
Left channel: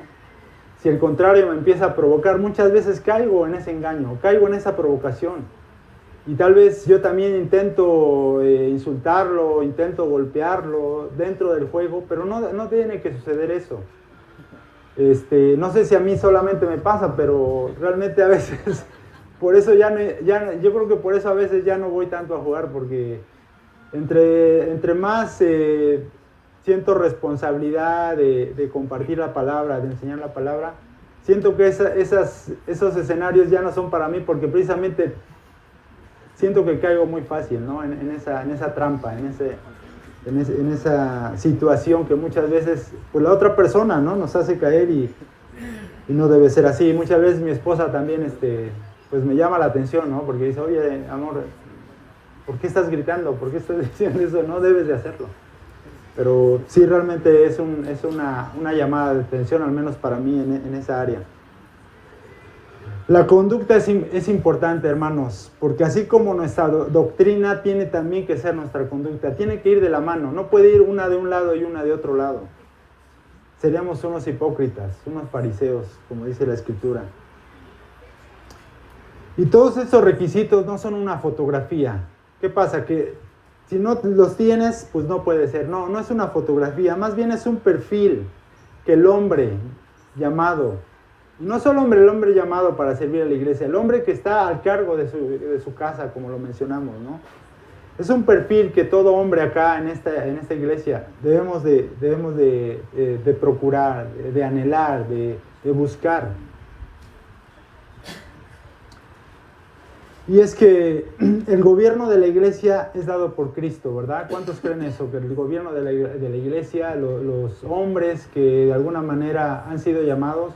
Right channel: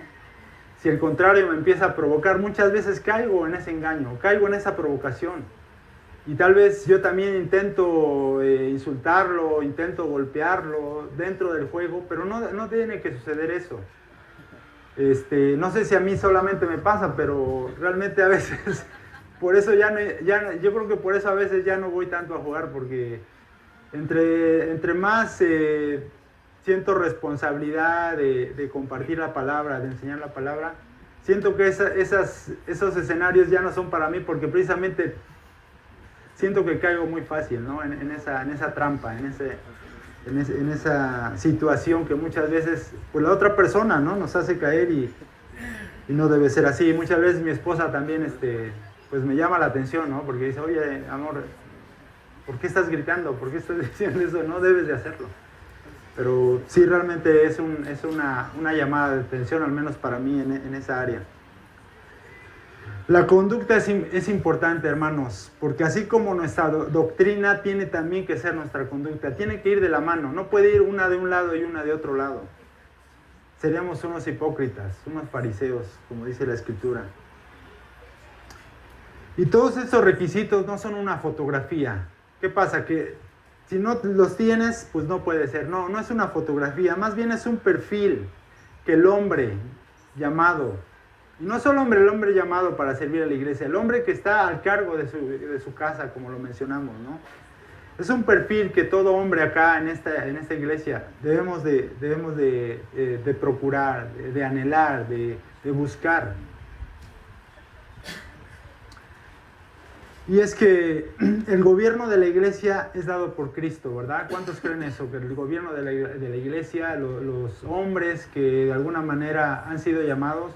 Si el contrario me empieza a provocar, muchas veces caigo en ese engaño, caigo en esa provocación. Y tal vez yo también intento insultarlo, intento golpearlo dentro del juego, pero no tiene que suceder eso. No sé si a mí solamente me pasa, pero realmente a veces, por eso yo creo que por eso a veces ya no voy tanto a jugar, porque entre más siento responsabilidad de compartir la palabra, de enseñar la palabra, siento que esos escenarios ya no son para mí, porque precisamente siento que caigo muy fácil, ¿no? en esa trampa, en esa situación que muchas veces pues la otra persona, ¿no?, nos hace caer, y no debe ser así. Muchas veces mi esposa también pues me llama la atención, ¿no?, porque dice, oye, amor, ¿por qué estás gritando? ¿Por qué estás diciendo eso? No debes de hacerlo. Pero sí, realmente es una llamada de atención, al menos para mí, en esa área. La conducta es importante, hermanos, porque así como nuestra doctrina tiene también que ser nuestra conducta, tiene que ir de la mano, no puede ir una de un lado y una de otro lado. Seríamos unos hipócritas, unos fariseos, como dice la Escritura. Y todos estos requisitos no son una fotografía. ¿Qué pasa? Que si no los tienes, pues no puede ser. No es una fotografía, más bien es un perfil que el hombre llamado, y no solo el hombre llamado para servir a la iglesia, el hombre que está al cargo de su casa, como lo mencionamos, ¿no? Es un perfil que todo hombre acá en esta iglesia debemos de procurar, de anhelar, de buscar. Y es que el gobierno de la iglesia es dado por Cristo, ¿verdad? ¿Cuántos creen eso? Que el gobierno de la iglesia, los hombres que de alguna manera han sido llamados,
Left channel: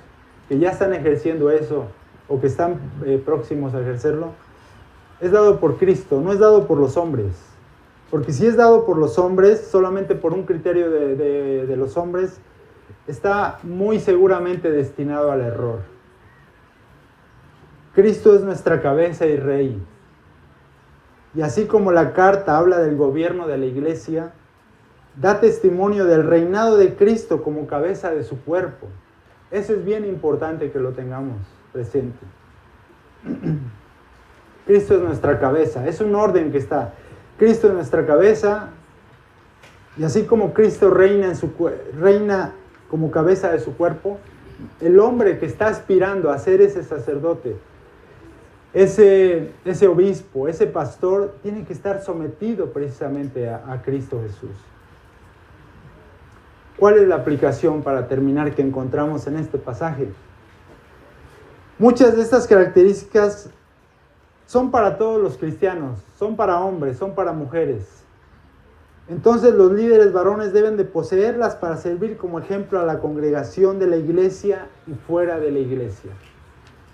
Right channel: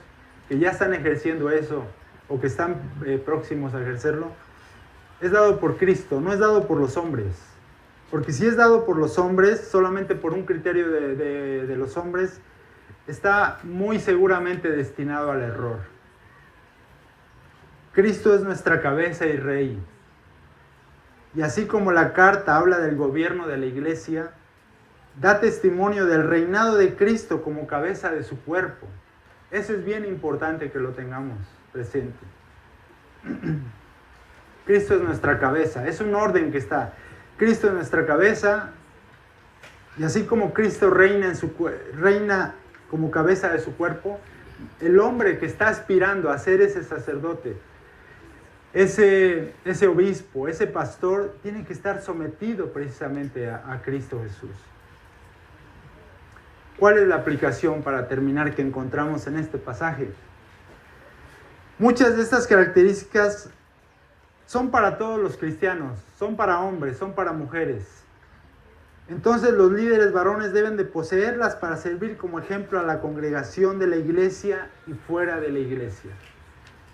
que ya están ejerciendo eso, o que están próximos a ejercerlo, es dado por Cristo, no es dado por los hombres. Porque si es dado por los hombres, solamente por un criterio de los hombres, está muy seguramente destinado al error. Cristo es nuestra cabeza y rey. Y así como la carta habla del gobierno de la iglesia, da testimonio del reinado de Cristo como cabeza de su cuerpo. Eso es bien importante que lo tengamos presente. Cristo es nuestra cabeza, es un orden que está. Cristo es nuestra cabeza, Y así como Cristo reina como cabeza de su cuerpo, el hombre que está aspirando a ser ese sacerdote, ese obispo, ese pastor, tiene que estar sometido precisamente a Cristo Jesús. ¿Cuál es la aplicación, para terminar, que encontramos en este pasaje? Muchas de estas características son para todos los cristianos, son para hombres, son para mujeres. Entonces los líderes varones deben de poseerlas para servir como ejemplo a la congregación de la iglesia y fuera de la iglesia.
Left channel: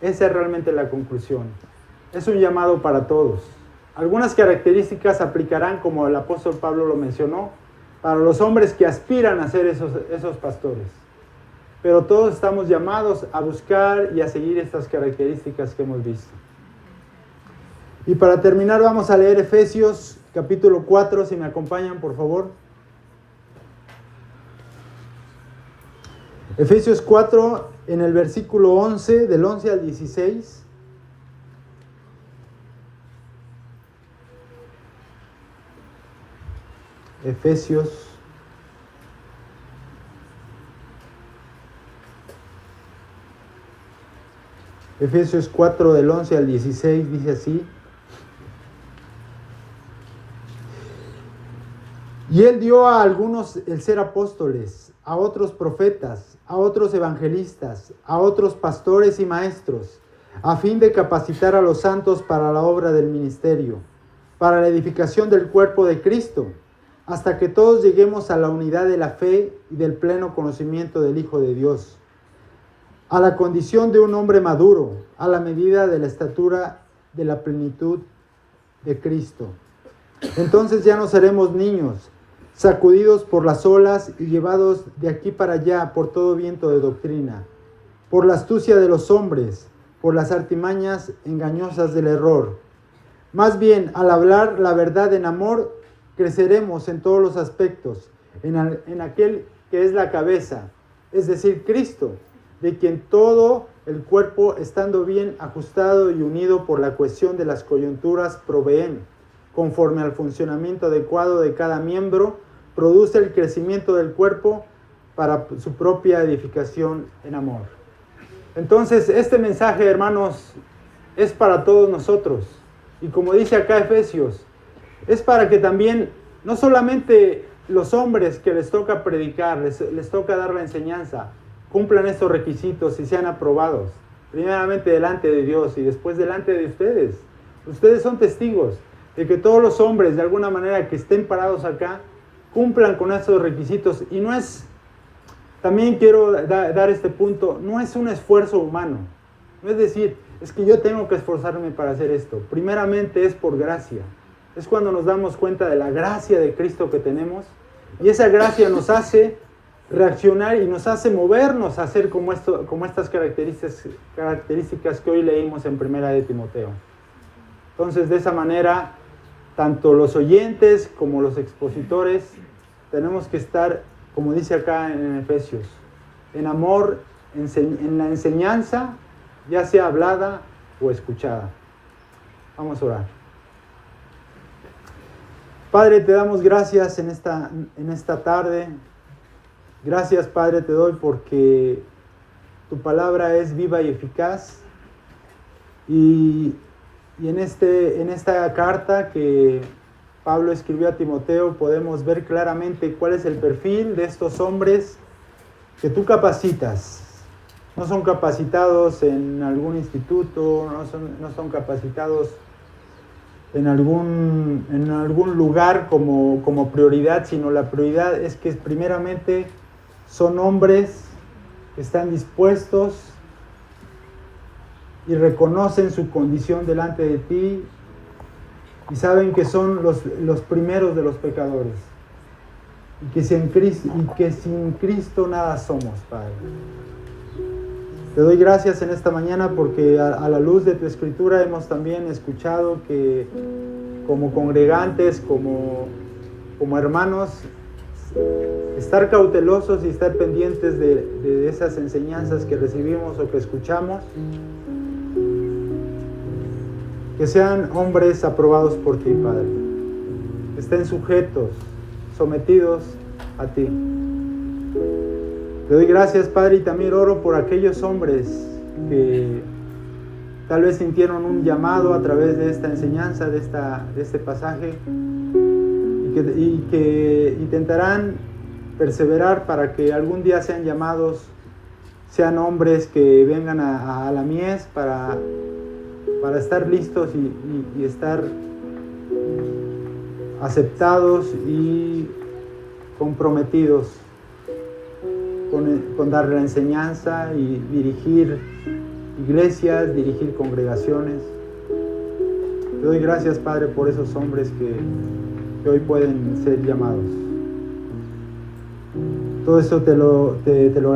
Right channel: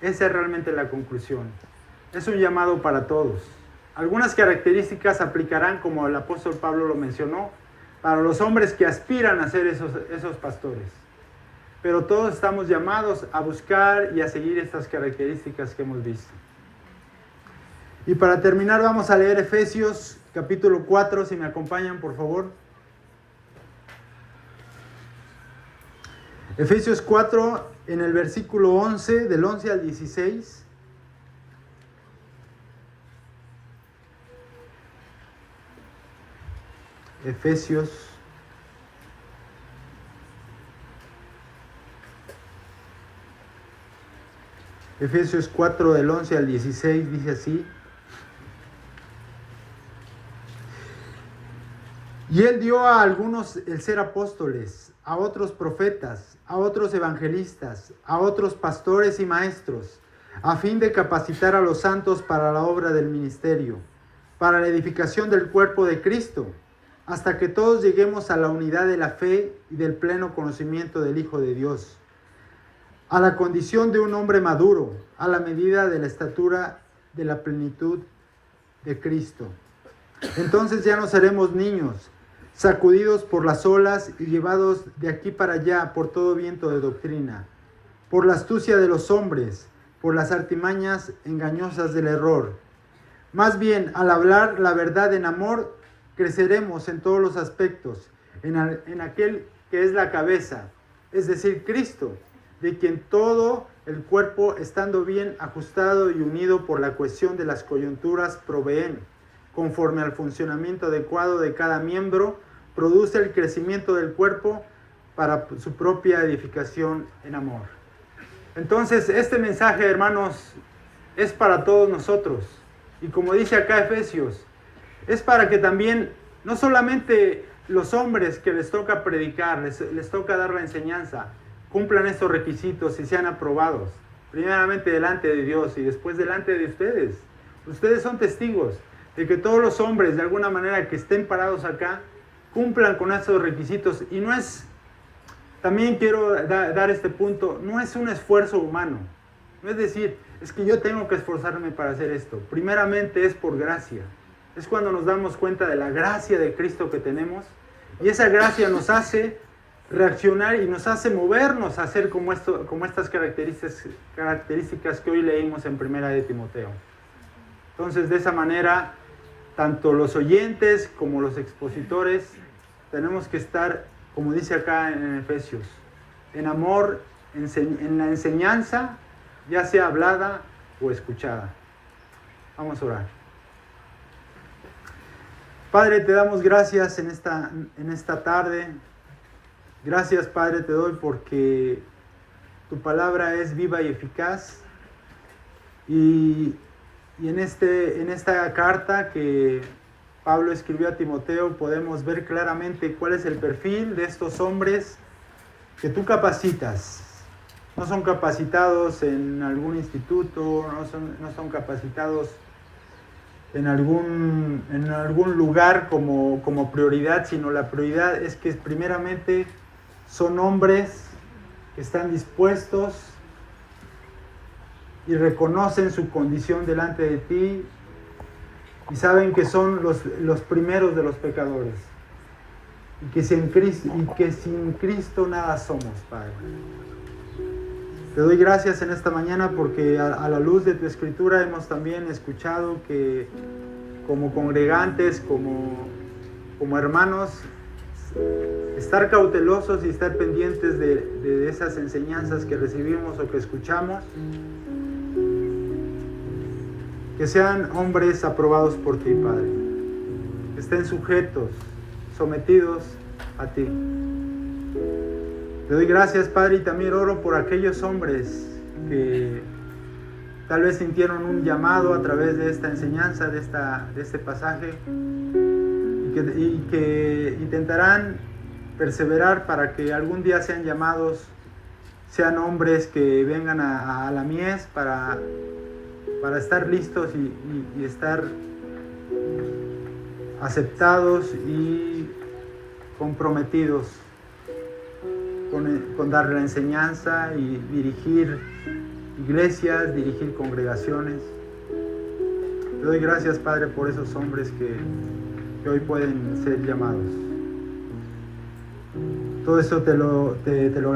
Esa es realmente la conclusión. Es un llamado para todos. Algunas características aplicarán, como el apóstol Pablo lo mencionó, para los hombres que aspiran a ser esos pastores. Pero todos estamos llamados a buscar y a seguir estas características que hemos visto. Y para terminar vamos a leer Efesios capítulo 4, si me acompañan por favor. Efesios 4 en el versículo 11, del 11 al 16. Efesios 4 del 11 al 16 dice así: y él dio a algunos el ser apóstoles, a otros profetas, a otros evangelistas, a otros pastores y maestros, a fin de capacitar a los santos para la obra del ministerio, para la edificación del cuerpo de Cristo, hasta que todos lleguemos a la unidad de la fe y del pleno conocimiento del Hijo de Dios, a la condición de un hombre maduro, a la medida de la estatura de la plenitud de Cristo. Entonces ya no seremos niños, sacudidos por las olas y llevados de aquí para allá por todo viento de doctrina, por la astucia de los hombres, por las artimañas engañosas del error. Más bien, al hablar la verdad en amor, creceremos en todos los aspectos, en aquel que es la cabeza, es decir, Cristo, de quien todo el cuerpo, estando bien ajustado y unido por la cohesión de las coyunturas, proveen, conforme al funcionamiento adecuado de cada miembro, produce el crecimiento del cuerpo para su propia edificación en amor. Entonces, este mensaje, hermanos, es para todos nosotros. Y como dice acá Efesios, es para que también, no solamente los hombres que les toca predicar, les toca dar la enseñanza, cumplan estos requisitos y sean aprobados, primeramente delante de Dios y después delante de ustedes. Ustedes son testigos de que todos los hombres, de alguna manera, que estén parados acá, cumplan con estos requisitos. Y no es, también quiero dar este punto, no es un esfuerzo humano. No es decir, es que yo tengo que esforzarme para hacer esto. Primeramente es por gracia. Es cuando nos damos cuenta de la gracia de Cristo que tenemos. Y esa gracia nos hace reaccionar y nos hace movernos a hacer como estas características que hoy leímos en Primera de Timoteo. Entonces, de esa manera, tanto los oyentes como los expositores tenemos que estar, como dice acá en Efesios, en amor, en la enseñanza, ya sea hablada o escuchada. Vamos a orar. Padre, te damos gracias en esta tarde. Gracias, Padre, te doy porque tu palabra es viva y eficaz. Y en esta carta que Pablo escribió a Timoteo podemos ver claramente cuál es el perfil de estos hombres que tú capacitas. No son capacitados en algún instituto, no son capacitados en algún lugar como prioridad, sino la prioridad es que primeramente son hombres que están dispuestos y reconocen su condición delante de ti y saben que son los primeros de los pecadores y que sin Cristo nada somos, Padre. Te doy gracias en esta mañana porque a la luz de tu escritura hemos también escuchado que como congregantes, como hermanos, estar cautelosos y estar pendientes de esas enseñanzas que recibimos o que escuchamos, que sean hombres aprobados por ti, Padre, que estén sujetos sometidos a ti. Te doy gracias, Padre, y también oro por aquellos hombres que tal vez sintieron un llamado a través de esta enseñanza, de este pasaje, y que intentarán perseverar para que algún día sean llamados, sean hombres que vengan a la mies para estar listos y estar aceptados y comprometidos con dar la enseñanza y dirigir iglesias, dirigir congregaciones. Te doy gracias, Padre, por esos hombres que hoy pueden ser llamados. Todo eso te lo